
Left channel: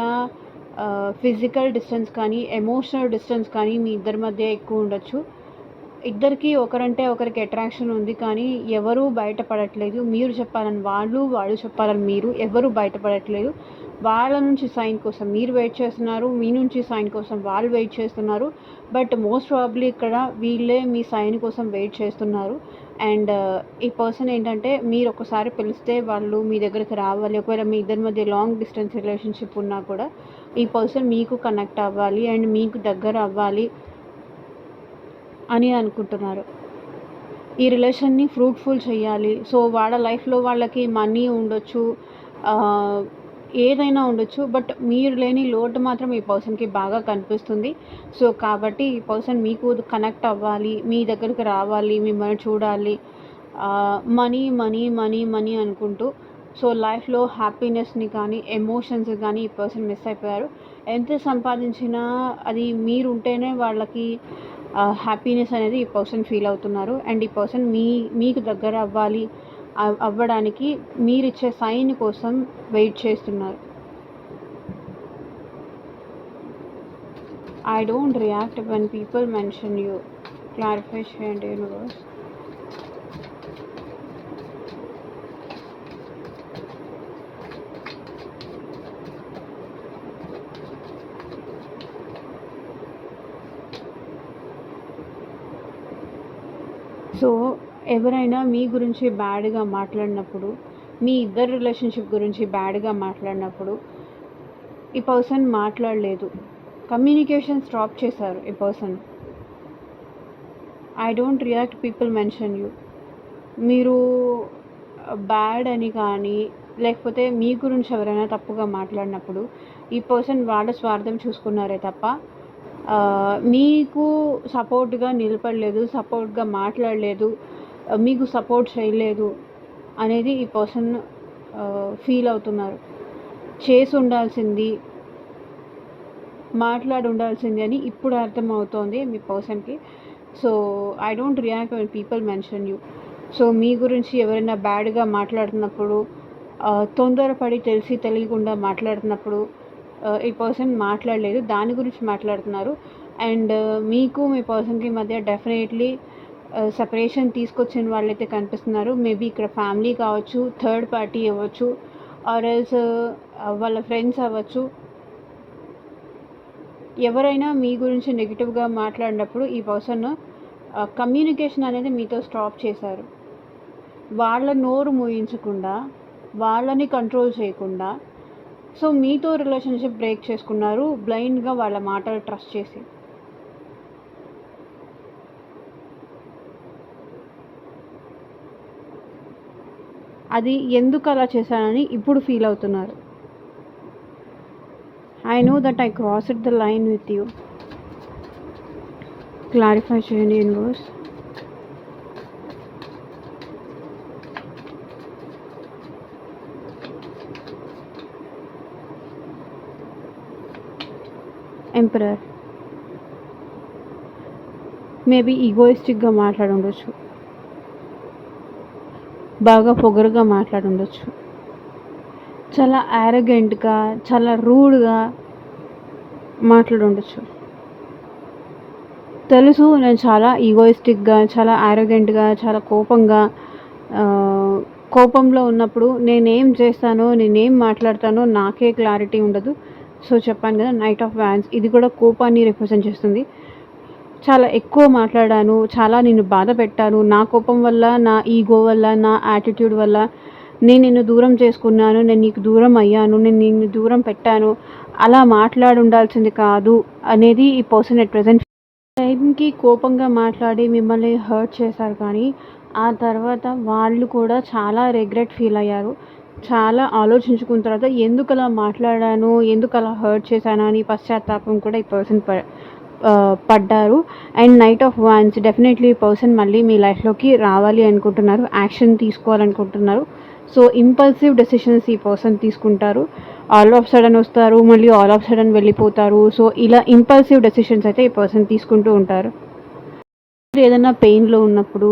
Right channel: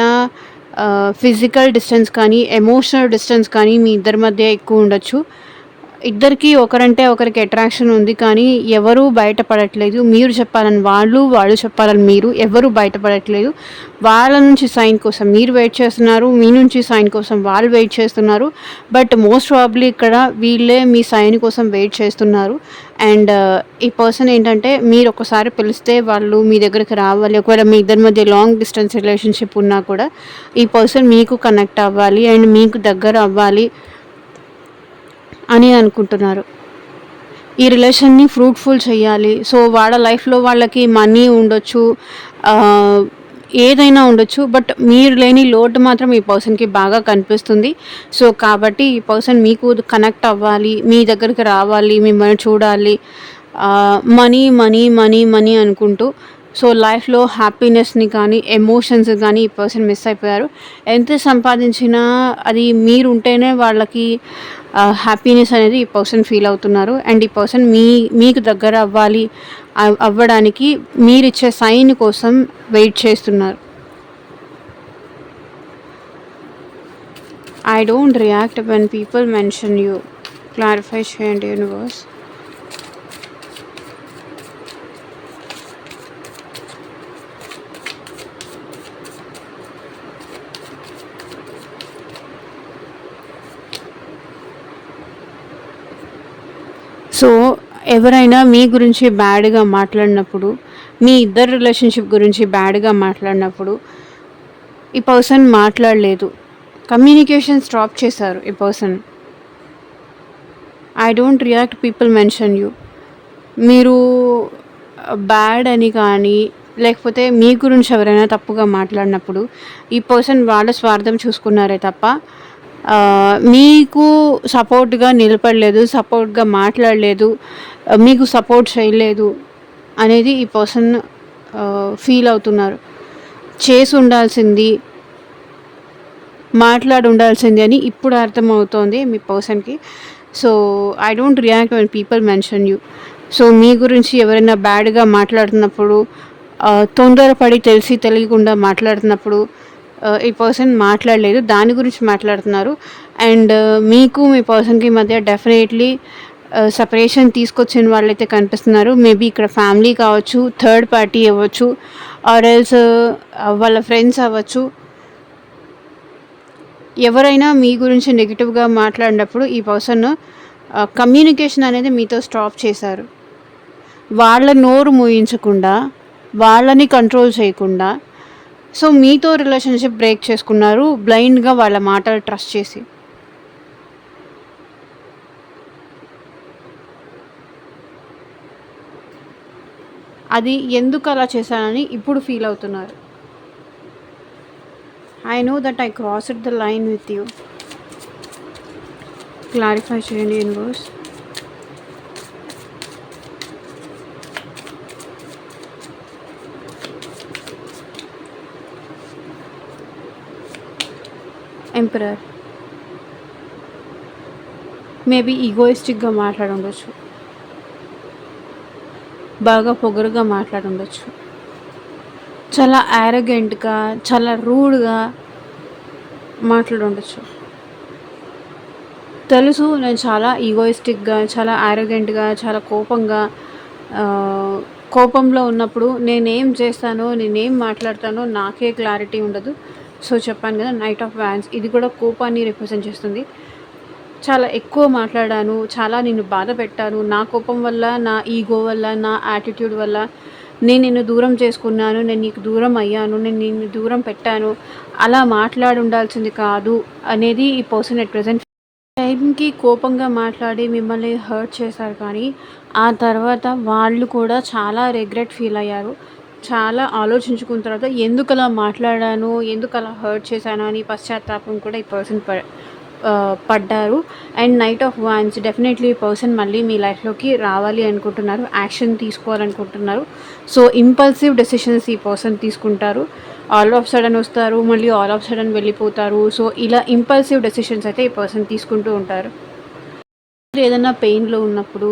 ఫిజికల్ డిస్టెన్స్ కానీ, ఎమోషనల్ డిస్టెన్స్ కానీ మీ ఇద్దరి మధ్య ఎక్కువ ఉండొచ్చు. ఇద్దరికీ ఒకరంటే ఒకరికి అట్రాక్షన్ ఉంది. కానీ ఎవరు బయటపడట్లేదు. మీరు చెప్పాలని వాళ్ళు, వాళ్ళు చెప్పాలని మీరు. ఎవరు బయటపడట్లేదు. వాళ్ళ నుంచి సైన్ కోసం మీరు వెయిట్ చేస్తున్నారు. మీ నుంచి సైన్ కోసం వాళ్ళు వెయిట్ చేస్తున్నారు. బట్ మోస్ట్ ప్రాబబ్లీ ఇక్కడ వీళ్ళే మీ సైన్ కోసం వెయిట్ చేస్తున్నారు. అండ్ ఈ పర్సన్ ఏంటంటే మీరు ఒకసారి పిలిస్తే వాళ్ళు మీ దగ్గరికి రావాలి. ఒకవేళ మీ ఇద్దరి మధ్య లాంగ్ డిస్టెన్స్ రిలేషన్షిప్ ఉన్నా కూడా ఈ పర్సన్ మీకు కనెక్ట్ అవ్వాలి అండ్ మీకు దగ్గర అవ్వాలి అని అనుకుంటున్నారు. ఈ రిలేషన్ని ఫ్రూట్ఫుల్ చేయాలి. సో వాళ్ళ లైఫ్లో వాళ్ళకి మనీ ఉండొచ్చు, ఏదైనా ఉండొచ్చు. బట్ మీరు లేని లోటు మాత్రం ఈ పర్సన్కి బాగా కనిపిస్తుంది. సో కాబట్టి ఈ పర్సన్ మీకు కనెక్ట్ అవ్వాలి, మీ దగ్గరికి రావాలి, మిమ్మల్ని చూడాలి. మనీ మనీ మనీ మనీ అనుకుంటూ సో లైఫ్లో హ్యాపీనెస్ని కానీ ఎమోషన్స్ కానీ ఈ పర్సన్ మిస్ అయిపోయారు. ఎంత సంపాదించినా అది మీరు ఉంటేనే వాళ్ళకి హ్యాపీనెస్ అనేది ఈ పర్సన్ ఫీల్ అవుతున్నారు. అండ్ ఈ పర్సన్ మీకు దగ్గర అవ్వడానికి మీరిచ్చే సైన్ కోసం వెయిట్ చేస్తున్నారు. I don't react when people mention you. Clarify చేయండి యూనివర్స్. సో ఎవరైనా మీ గురించి బ్యాడ్గా మాట్లాడినప్పుడు, మీ ఇద్దరు రిలేషన్షిప్ గురించి బ్యాడ్గా మాట్లాడినప్పుడు ఈ పర్సన్ మాట్లాడలేదు. కమ్యూనికేషన్ స్టాప్ చేశారు ఈ person. I don't react people mention you. మీరు బ్యాడ్ అని కానీ లేకపోతే మీ గురించి ఎవరైనా తప్పుగా మాట్లాడినప్పుడు ఈ పర్సన్ వాళ్ళ స్వార్థం చూసుకున్నారే తప్ప మీకు సపోర్ట్గా నిలబడలేదు, సపోర్ట్గా మాట్లాడలేదు, మీకు సపోర్ట్ చేయలేదు అనేది ఈ పర్సన్ ఫీల్ అవుతున్నారు. చేసి ఉండాల్సింది, మాట్లాడి ఉండాల్సింది అని ఇప్పుడు అర్థమవుతోంది మీ పర్సన్కి. So I don't react when people mention you. So మీ గురించి ఎవరైనా బ్యాడ్గా మాట్లాడుతున్నప్పుడు, తొందరపడి తెలిసి తెలియకుండా మాట్లాడుతున్నప్పుడు ఈ పర్సన్ మాట్లాడలేదు, దాని గురించి మాట్లాడుతున్నారు. అండ్ మీకు మీ పర్సన్కి మధ్య డెఫినెట్లీ సపరేషన్ తీసుకొచ్చిన వాళ్ళైతే కనిపిస్తున్నారు. మేబీ ఇక్కడ ఫ్యామిలీ కావచ్చు, థర్డ్ పార్టీ అవ్వచ్చు, ఆర్ ఎల్స్ వాళ్ళ ఫ్రెండ్స్ అవ్వచ్చు. ఎవరైనా మీ గురించి నెగిటివ్గా మాట్లాడినప్పుడు ఈ పర్సన్ కమ్యూనికేషన్ అనేది మీతో స్టాప్ చేశారు. వాళ్ళ నోరు మూయించకుండా, వాళ్ళని కంట్రోల్ చేయకుండా సో మీతో రిలేషన్షిప్ బ్రేక్ చేసుకున్నారు బ్లైండ్గా వాళ్ళ మాటలు ట్రస్ట్ చేసి. అది ఎందుకు అలా చేశానని ఇప్పుడు ఫీల్ అవుతున్నారు. I know that I crossed the line with you. Clarify చేయండి యూనివర్స్. ఎంపరర్ మేబీ ఈగోయిస్టిక్గా మాట్లాడి ఉండొచ్చు, బాగా పొగరుగా మాట్లాడి ఉండొచ్చు, చాలా యారగెంట్గా, చాలా రూడ్గా మాట్లాడి ఉండొచ్చు. తెలుసు నేను చాలా ఈగోయిస్టిక్గా, చాలా యారగెంట్గా, చాలా కోపంలో ఉన్నప్పుడు నేనేం చేస్తానో, నేనేం మాట్లాడతానో నాకే క్లారిటీ ఉండదు. సో చెప్పాను కదా, నైట్ ఆఫ్ వ్యాన్స్ ఇది కూడా కోపాన్ని రిప్రజెంట్ చేస్తుంది. చాలా ఎక్కువ మాట్లాడాను, చాలా నిన్ను బాధ పెట్టాను, నా కోపం వల్ల, నా ఈగో వల్ల, నా యాటిట్యూడ్ వల్ల నేను నిన్ను దూరం చేసుకున్నాను, నేను నీకు దూరం అయ్యాను, నేను నిన్ను దూరం పెట్టాను, అలా మాట్లాడి ఉండాల్సింది కాదు అనేది ఈ పర్సన్ ఎట్ ప్రజెంట్ టైంకి కోపంగా మాట్లాడి మిమ్మల్ని హర్ట్ చేశారు. కానీ ఆ తర్వాత వాళ్ళు కూడా చాలా రిగ్రెట్ ఫీల్ అయ్యారు. చాలా ఆలోచించుకున్న తర్వాత ఎందుకు అలా మాట్లాడాను, ఎందుకు అలా హర్ట్ చేశాను అని పశ్చాత్తాపం కూడా ఈ పర్సన్ పడ్డారు. And knight of wands definitely ఈ పర్సన్ మళ్ళీ మీ లైఫ్లోకి రావాలి అనుకుంటున్నారు, యాక్షన్ తీసుకోవాలనుకుంటున్నారు. సో ఇంపల్సివ్ డెసిషన్స్ ఈ పర్సన్ తీసుకుంటారు. ఆల్ ఆఫ్ సడన్ వస్తారు, మళ్ళీ ఆల్ ఆఫ్ సడన్ వెళ్ళిపోతారు. సో ఇలా ఇంపల్సివ్ డెసిషన్స్ అయితే ఈ పర్సన్ తీసుకుంటూ ఉంటారు. ఏదైనా పెయిన్లో ఉన్నప్పుడు,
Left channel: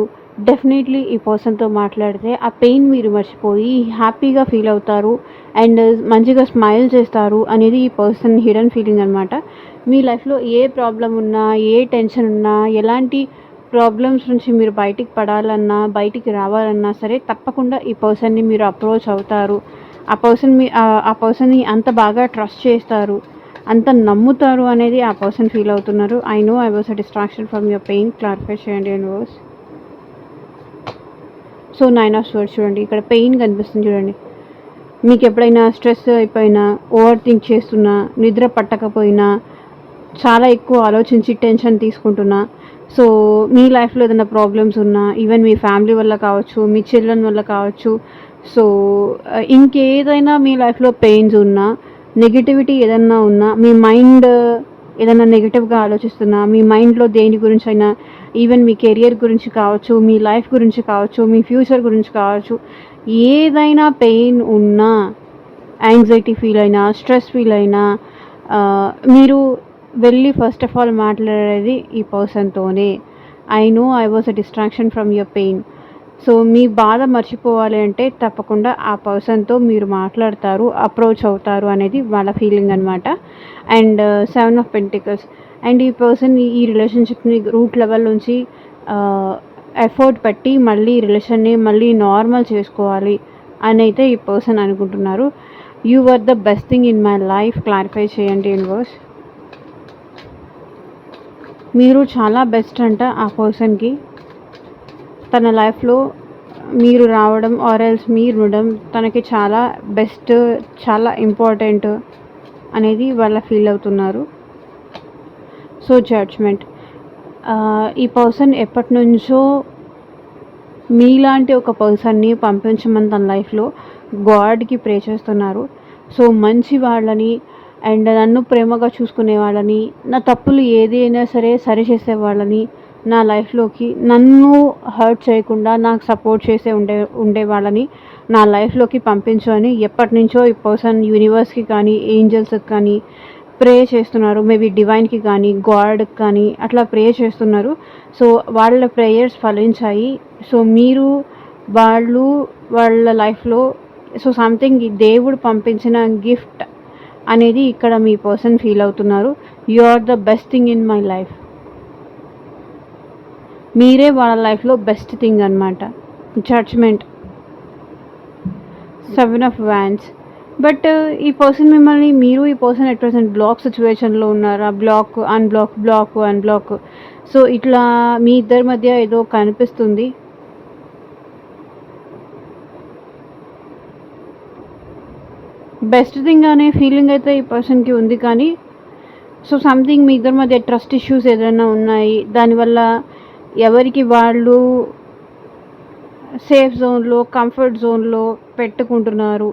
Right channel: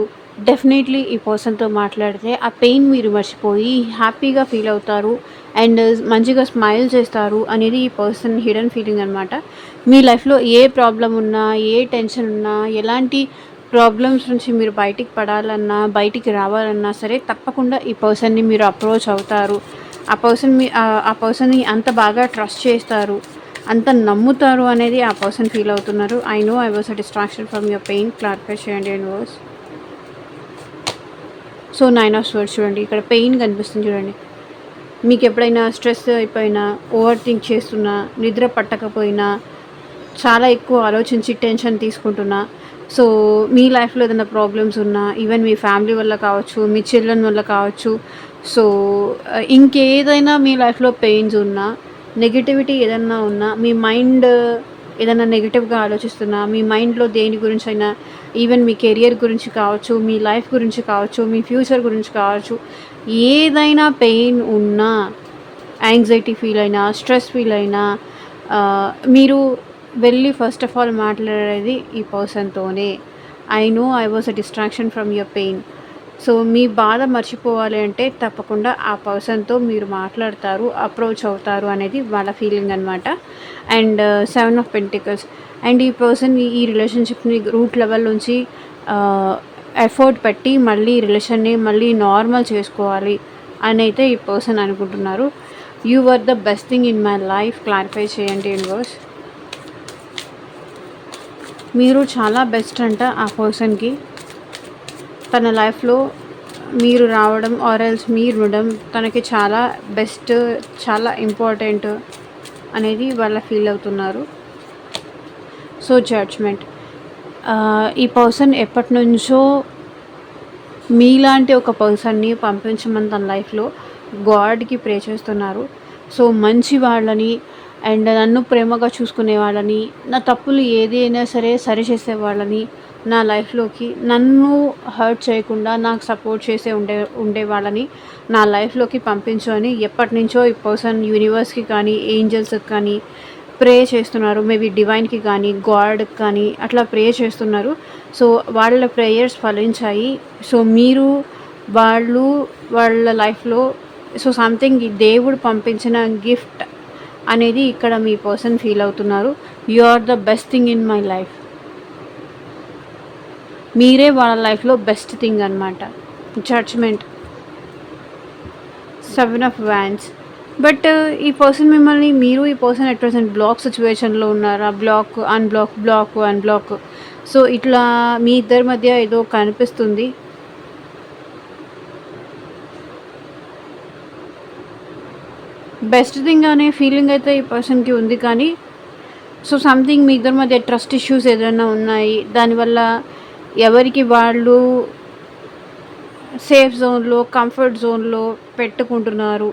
డెఫినెట్లీ ఈ పర్సన్తో మాట్లాడితే ఆ పెయిన్ మీరు మర్చిపోయి హ్యాపీగా ఫీల్ అవుతారు అండ్ మంచిగా స్మైల్ చేస్తారు అనేది ఈ పర్సన్ హిడెన్ ఫీలింగ్ అనమాట. మీ లైఫ్లో ఏ ప్రాబ్లం ఉన్నా, ఏ టెన్షన్ ఉన్నా, ఎలాంటి ప్రాబ్లమ్స్ నుంచి మీరు బయటికి పడాలన్నా, బయటికి రావాలన్నా సరే తప్పకుండా ఈ పర్సన్ని మీరు అప్రోచ్ అవుతారు. ఆ పర్సన్‌ని అంత బాగా ట్రస్ట్ చేస్తారు, అంత నమ్ముతారు అనేది ఆ పర్సన్ ఫీల్ అవుతున్నారు. I know I was a distraction from your pain. Clarify చేయండి యూనివర్స్. సో 9 ఆఫ్ స్వర్డ్స్ చూడండి, ఇక్కడ పెయిన్ కనిపిస్తుంది చూడండి. మీకు ఎప్పుడైనా స్ట్రెస్ అయిపోయినా, ఓవర్ థింక్ చేస్తున్నా, నిద్ర పట్టకపోయినా, చాలా ఎక్కువ ఆలోచించి టెన్షన్ తీసుకుంటున్నా, సో మీ లైఫ్లో ఏదైనా ప్రాబ్లమ్స్ ఉన్నా, ఈవెన్ మీ ఫ్యామిలీ వల్ల కావచ్చు, మీ చిల్డ్రన్ వల్ల కావచ్చు, సో ఇంకేదైనా మీ లైఫ్లో పెయిన్స్ ఉన్నా, నెగిటివిటీ ఏదన్నా ఉన్నా, మీ మైండ్ ఏదైనా నెగిటివ్గా ఆలోచిస్తున్నా, మీ మైండ్లో దేని గురించి అయినా, ఈవెన్ మీ కెరియర్ గురించి కావచ్చు, మీ లైఫ్ గురించి కావచ్చు, మీ ఫ్యూచర్ గురించి కావచ్చు, ఏదైనా పెయిన్ ఉన్నా, యాంగ్జైటీ ఫీల్ అయినా, స్ట్రెస్ ఫీల్ అయినా, మీరు వెళ్ళి ఫస్ట్ ఆఫ్ ఆల్ మాట్లాడేది ఈ పర్సన్తోనే. I know I was a distraction from your pain. So మీ బాధ మర్చిపోవాలి అంటే తప్పకుండా ఆ పర్సన్తో మీరు మాట్లాడతారు, అప్రోచ్ అవుతారు అనేది వాళ్ళ ఫీలింగ్ అనమాట. And 7 of pentacles. అండ్ ఈ పర్సన్ ఈ రిలేషన్షిప్ని రూట్ లెవెల్ నుంచి ఎఫర్ట్ పెట్టి మళ్ళీ రిలేషన్ని మళ్ళీ నార్మల్ చేసుకోవాలి అని అయితే ఈ పర్సన్ అనుకుంటున్నారు. You are the best thing in my life. Clarify చేయండి యూనివర్స్. మీరు చాలా బెస్ట్ అంట ఆ పర్సన్కి. తన లైఫ్లో మీరు రావడం ఆర్ ఎల్స్ మీరు ఉండడం తనకి చాలా బెస్ట్, చాలా ఇంపార్టెంట్ అనేది వాళ్ళ ఫీల్ అవుతున్నారు. So judgement. ఈ పర్సన్ ఎప్పటి నుంచో మీలాంటి ఒక పర్సన్ని పంపించమని తన లైఫ్లో గాడ్కి ప్రే చేస్తున్నారు. సో మంచి వాళ్ళని అండ్ నన్ను ప్రేమగా చూసుకునే వాళ్ళని, నా తప్పులు ఏది అయినా సరే సరిచేసే వాళ్ళని నా లైఫ్లోకి, నన్ను హర్ట్ చేయకుండా నాకు సపోర్ట్ చేసే ఉండే వాళ్ళని నా లైఫ్లోకి పంపించు అని ఎప్పటి నుంచో ఈ పర్సన్ యూనివర్స్కి కానీ, ఏంజల్స్కి కానీ ప్రే చేస్తున్నారు. మేబీ డివైన్కి కానీ, గాడ్కి కానీ అట్లా ప్రే చేస్తున్నారు. సో వాళ్ళ ప్రేయర్స్ ఫలించాయి. సో మీరు వాళ్ళ లైఫ్లో సో సంథింగ్ దేవుడు పంపించిన గిఫ్ట్ అనేది ఇక్కడ మీ పర్సన్ ఫీల్ అవుతున్నారు. You are the best thing in my life. మీరే వాళ్ళ లైఫ్లో బెస్ట్ థింగ్ అనమాట. జడ్జ్మెంట్. 7 of wands. బట్ ఈ పర్సన్ మిమ్మల్ని, మీరు ఈ పర్సన్ అట్ ప్రెసెంట్ బ్లాక్ సిచ్యువేషన్లో ఉన్నారా? Black unblock. సో ఇట్లా మీ ఇద్దరి మధ్య ఏదో కనిపిస్తుంది. బెస్ట్ థింగ్ అనే ఫీలింగ్ అయితే ఈ పర్సన్కి ఉంది, కానీ సో సంథింగ్ మీ ఇద్దరి మధ్య ట్రస్ట్ ఇష్యూస్ ఏదైనా ఉన్నాయి. దానివల్ల ఎవరికి వాళ్ళు సేఫ్ జోన్లో, కంఫర్ట్ జోన్లో పెట్టుకుంటున్నారు.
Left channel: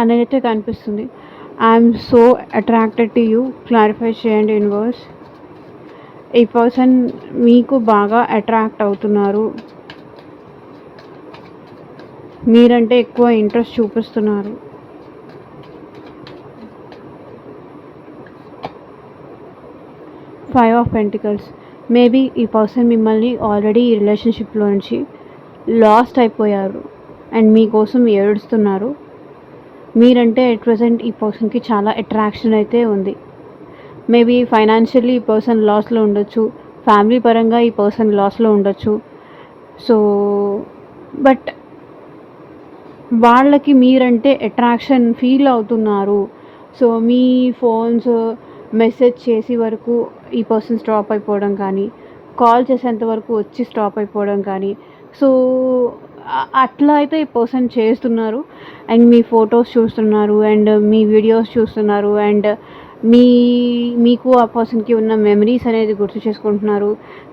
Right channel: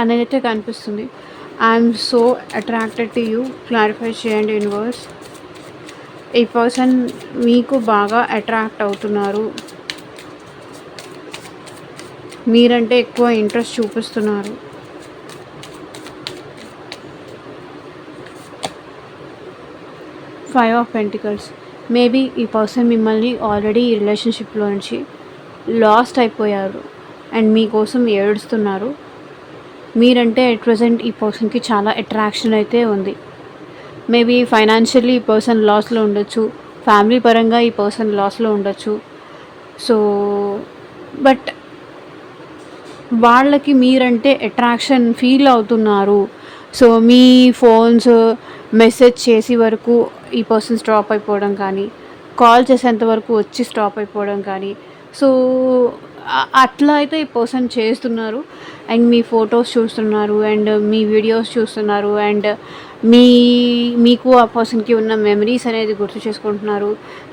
అనేది అయితే కనిపిస్తుంది. I'm so attracted to you. Clarify చేయండి యూనివర్స్. ఈ పర్సన్ మీకు బాగా అట్రాక్ట్ అవుతున్నారు, మీరంటే ఎక్కువ ఇంట్రెస్ట్ చూపిస్తున్నారు. Five of pentacles. మేబీ ఈ పర్సన్ మిమ్మల్ని ఆల్రెడీ ఈ రిలేషన్షిప్లో నుంచి లాస్ట్ అయిపోయారు అండ్ మీకోసం ఏడుస్తున్నారు. మీరంటే అట్ ప్రజెంట్ ఈ పర్సన్కి చాలా అట్రాక్షన్ అయితే ఉంది. మేబీ ఫైనాన్షియల్లీ ఈ పర్సన్ లాస్లో ఉండొచ్చు, ఫ్యామిలీ పరంగా ఈ పర్సన్ లాస్లో ఉండొచ్చు. సో బట్ వాళ్ళకి మీరంటే అట్రాక్షన్ ఫీల్ అవుతున్నారు. సో మీ ఫోన్స్ మెసేజ్ చేసి వరకు ఈ పర్సన్ స్టాప్ అయిపోవడం కానీ, కాల్ చేసేంత వరకు వచ్చి స్టాప్ అయిపోవడం కానీ, సో అట్లా అయితే ఈ పర్సన్ చేస్తున్నారు. అండ్ మీ ఫొటోస్ చూస్తున్నారు అండ్ మీ వీడియోస్ చూస్తున్నారు అండ్ మీకు ఆ పర్సన్కి ఉన్న మెమరీస్ అనేది గుర్తు చేసుకుంటున్నారు.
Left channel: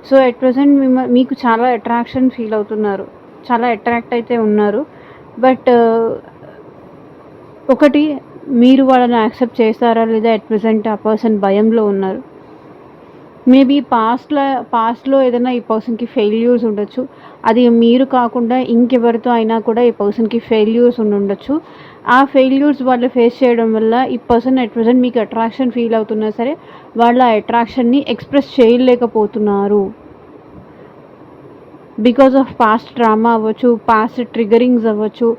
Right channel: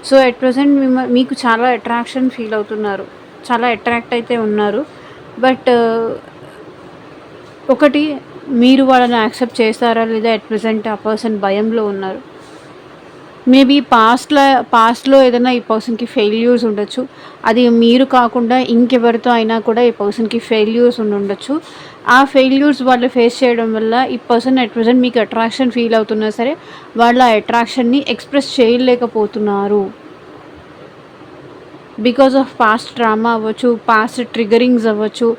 సో అట్ ప్రజెంట్ మీకు చాలా అట్రాక్షన్ ఫీల్ అవుతున్నారు, చాలా అట్రాక్ట్ అయితే ఉన్నారు. బట్ ఒకటి, మీరు వాళ్ళని యాక్సెప్ట్ చేస్తారా లేదా అట్ ప్రజెంట్ ఆ పర్సన్ భయంలో ఉన్నారు. మేబీ పాస్ట్లో ఏదైనా ఈ పర్సన్కి ఫెయిల్యూర్స్ ఉండొచ్చు. అది మీరు కాకుండా ఇంకెవరితో అయినా కూడా ఈ పర్సన్కి ఫెయిల్యూర్స్ ఉండొచ్చు. ఆ ఫెయిల్యూర్స్ వాళ్ళు ఫేస్ చేయడం వల్ల ఈ పర్సన్ అట్ ప్రెజెంట్ మీకు అట్రాక్షన్ ఫీల్ అవుతున్నా సరే వాళ్ళ అట్రాక్షన్ని ఎక్స్ప్రెస్ చేయలేకపోతున్నారు. బికాస్ ఆఫ్ పాస్ట్ డ్రామా అవ్వచ్చు, పాస్ట్ ట్రిగరింగ్స్ అవ్వచ్చు.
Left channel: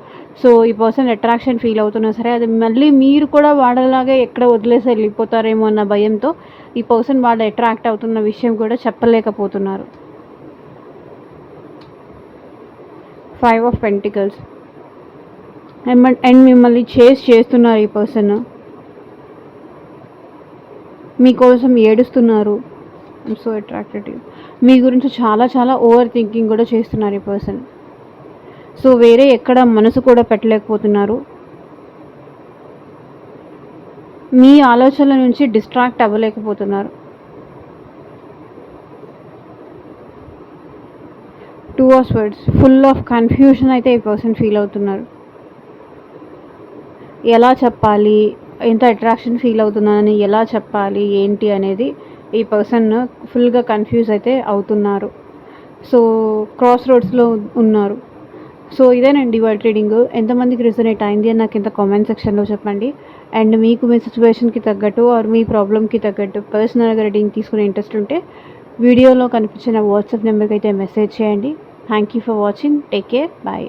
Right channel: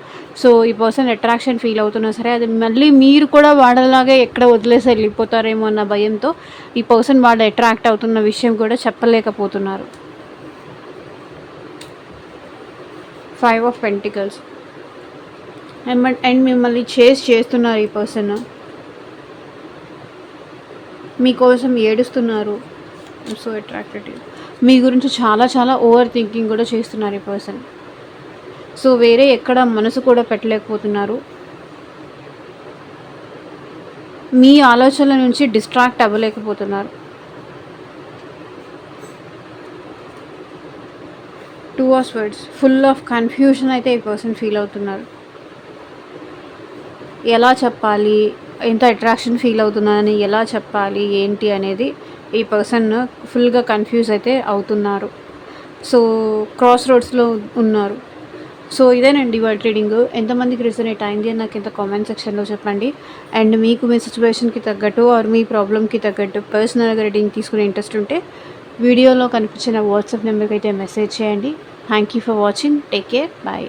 సో ఈ పర్సన్ అట్రాక్షన్ ఫీల్ అవుతున్నా సరే అది మళ్ళీ మీరు కూడా వాళ్ళలాగే ఎక్కడ వదిలేసి వెళ్ళిపోతారేమో అన్న భయంతో ఈ పర్సన్ వాళ్ళు అట్రాక్ట్ అవుతున్న విషయం కూడా చెప్పలేకపోతున్నారు. 5 ఆఫ్ పెంటికల్స్ అండ్ మిమ్మల్ని చేస్తున్నారు. ఈ పర్సన్ మీకోసం ఏడుస్తున్నారు. I'm so attracted. మీ గురించి చాలా చాలా ఓవర్ థింకింగ్ కూడా చేస్తున్నారు ఈ పర్సన్. సో వేరే ఎక్కడ మనసు కూడా పెట్టలేకపోతున్నారు. మీ ఆలోచనల నుంచి డిస్ట్రాక్ట్ అవ్వలేకపోతున్నారు. 2 of swords full of confusion అయితే ఈ పర్సన్ ఫీల్ అవుతున్నారు. ఎలా చెప్పాలి, ఎంత అట్రాక్షన్ ఫీల్ అవుతున్నానని ఎలా చెప్పాలి ఏంటి అనేది ఈ పర్సన్ ఫుల్గా కన్ఫ్యూజ్ అయితే అవుతున్నారు. సో క్రాస్ రోడ్స్లో ఉన్నారు. సో ఇదేనండి వాళ్ళ ట్రీడింగ్. ఎంతమందికి రిజనేట్ అయింది అని నాకు ఇంత కామెంట్ సెక్షన్లో చెప్పండి. అండ్ మీకు మీ సిచ్యువేషన్కి తగ్గట్టు ఆర్ మీ ప్రాబ్లమ్కి తగ్గట్టు పర్సనల్గా రీడింగ్ తీసుకునే ఇంట్రెస్ట్ ఉంటే వీడియోలో కనిపించిన వాట్సాప్ నెంబర్కి అయితే మెసేజ్ చేయండి. Thank you for watching. Take care. Bye.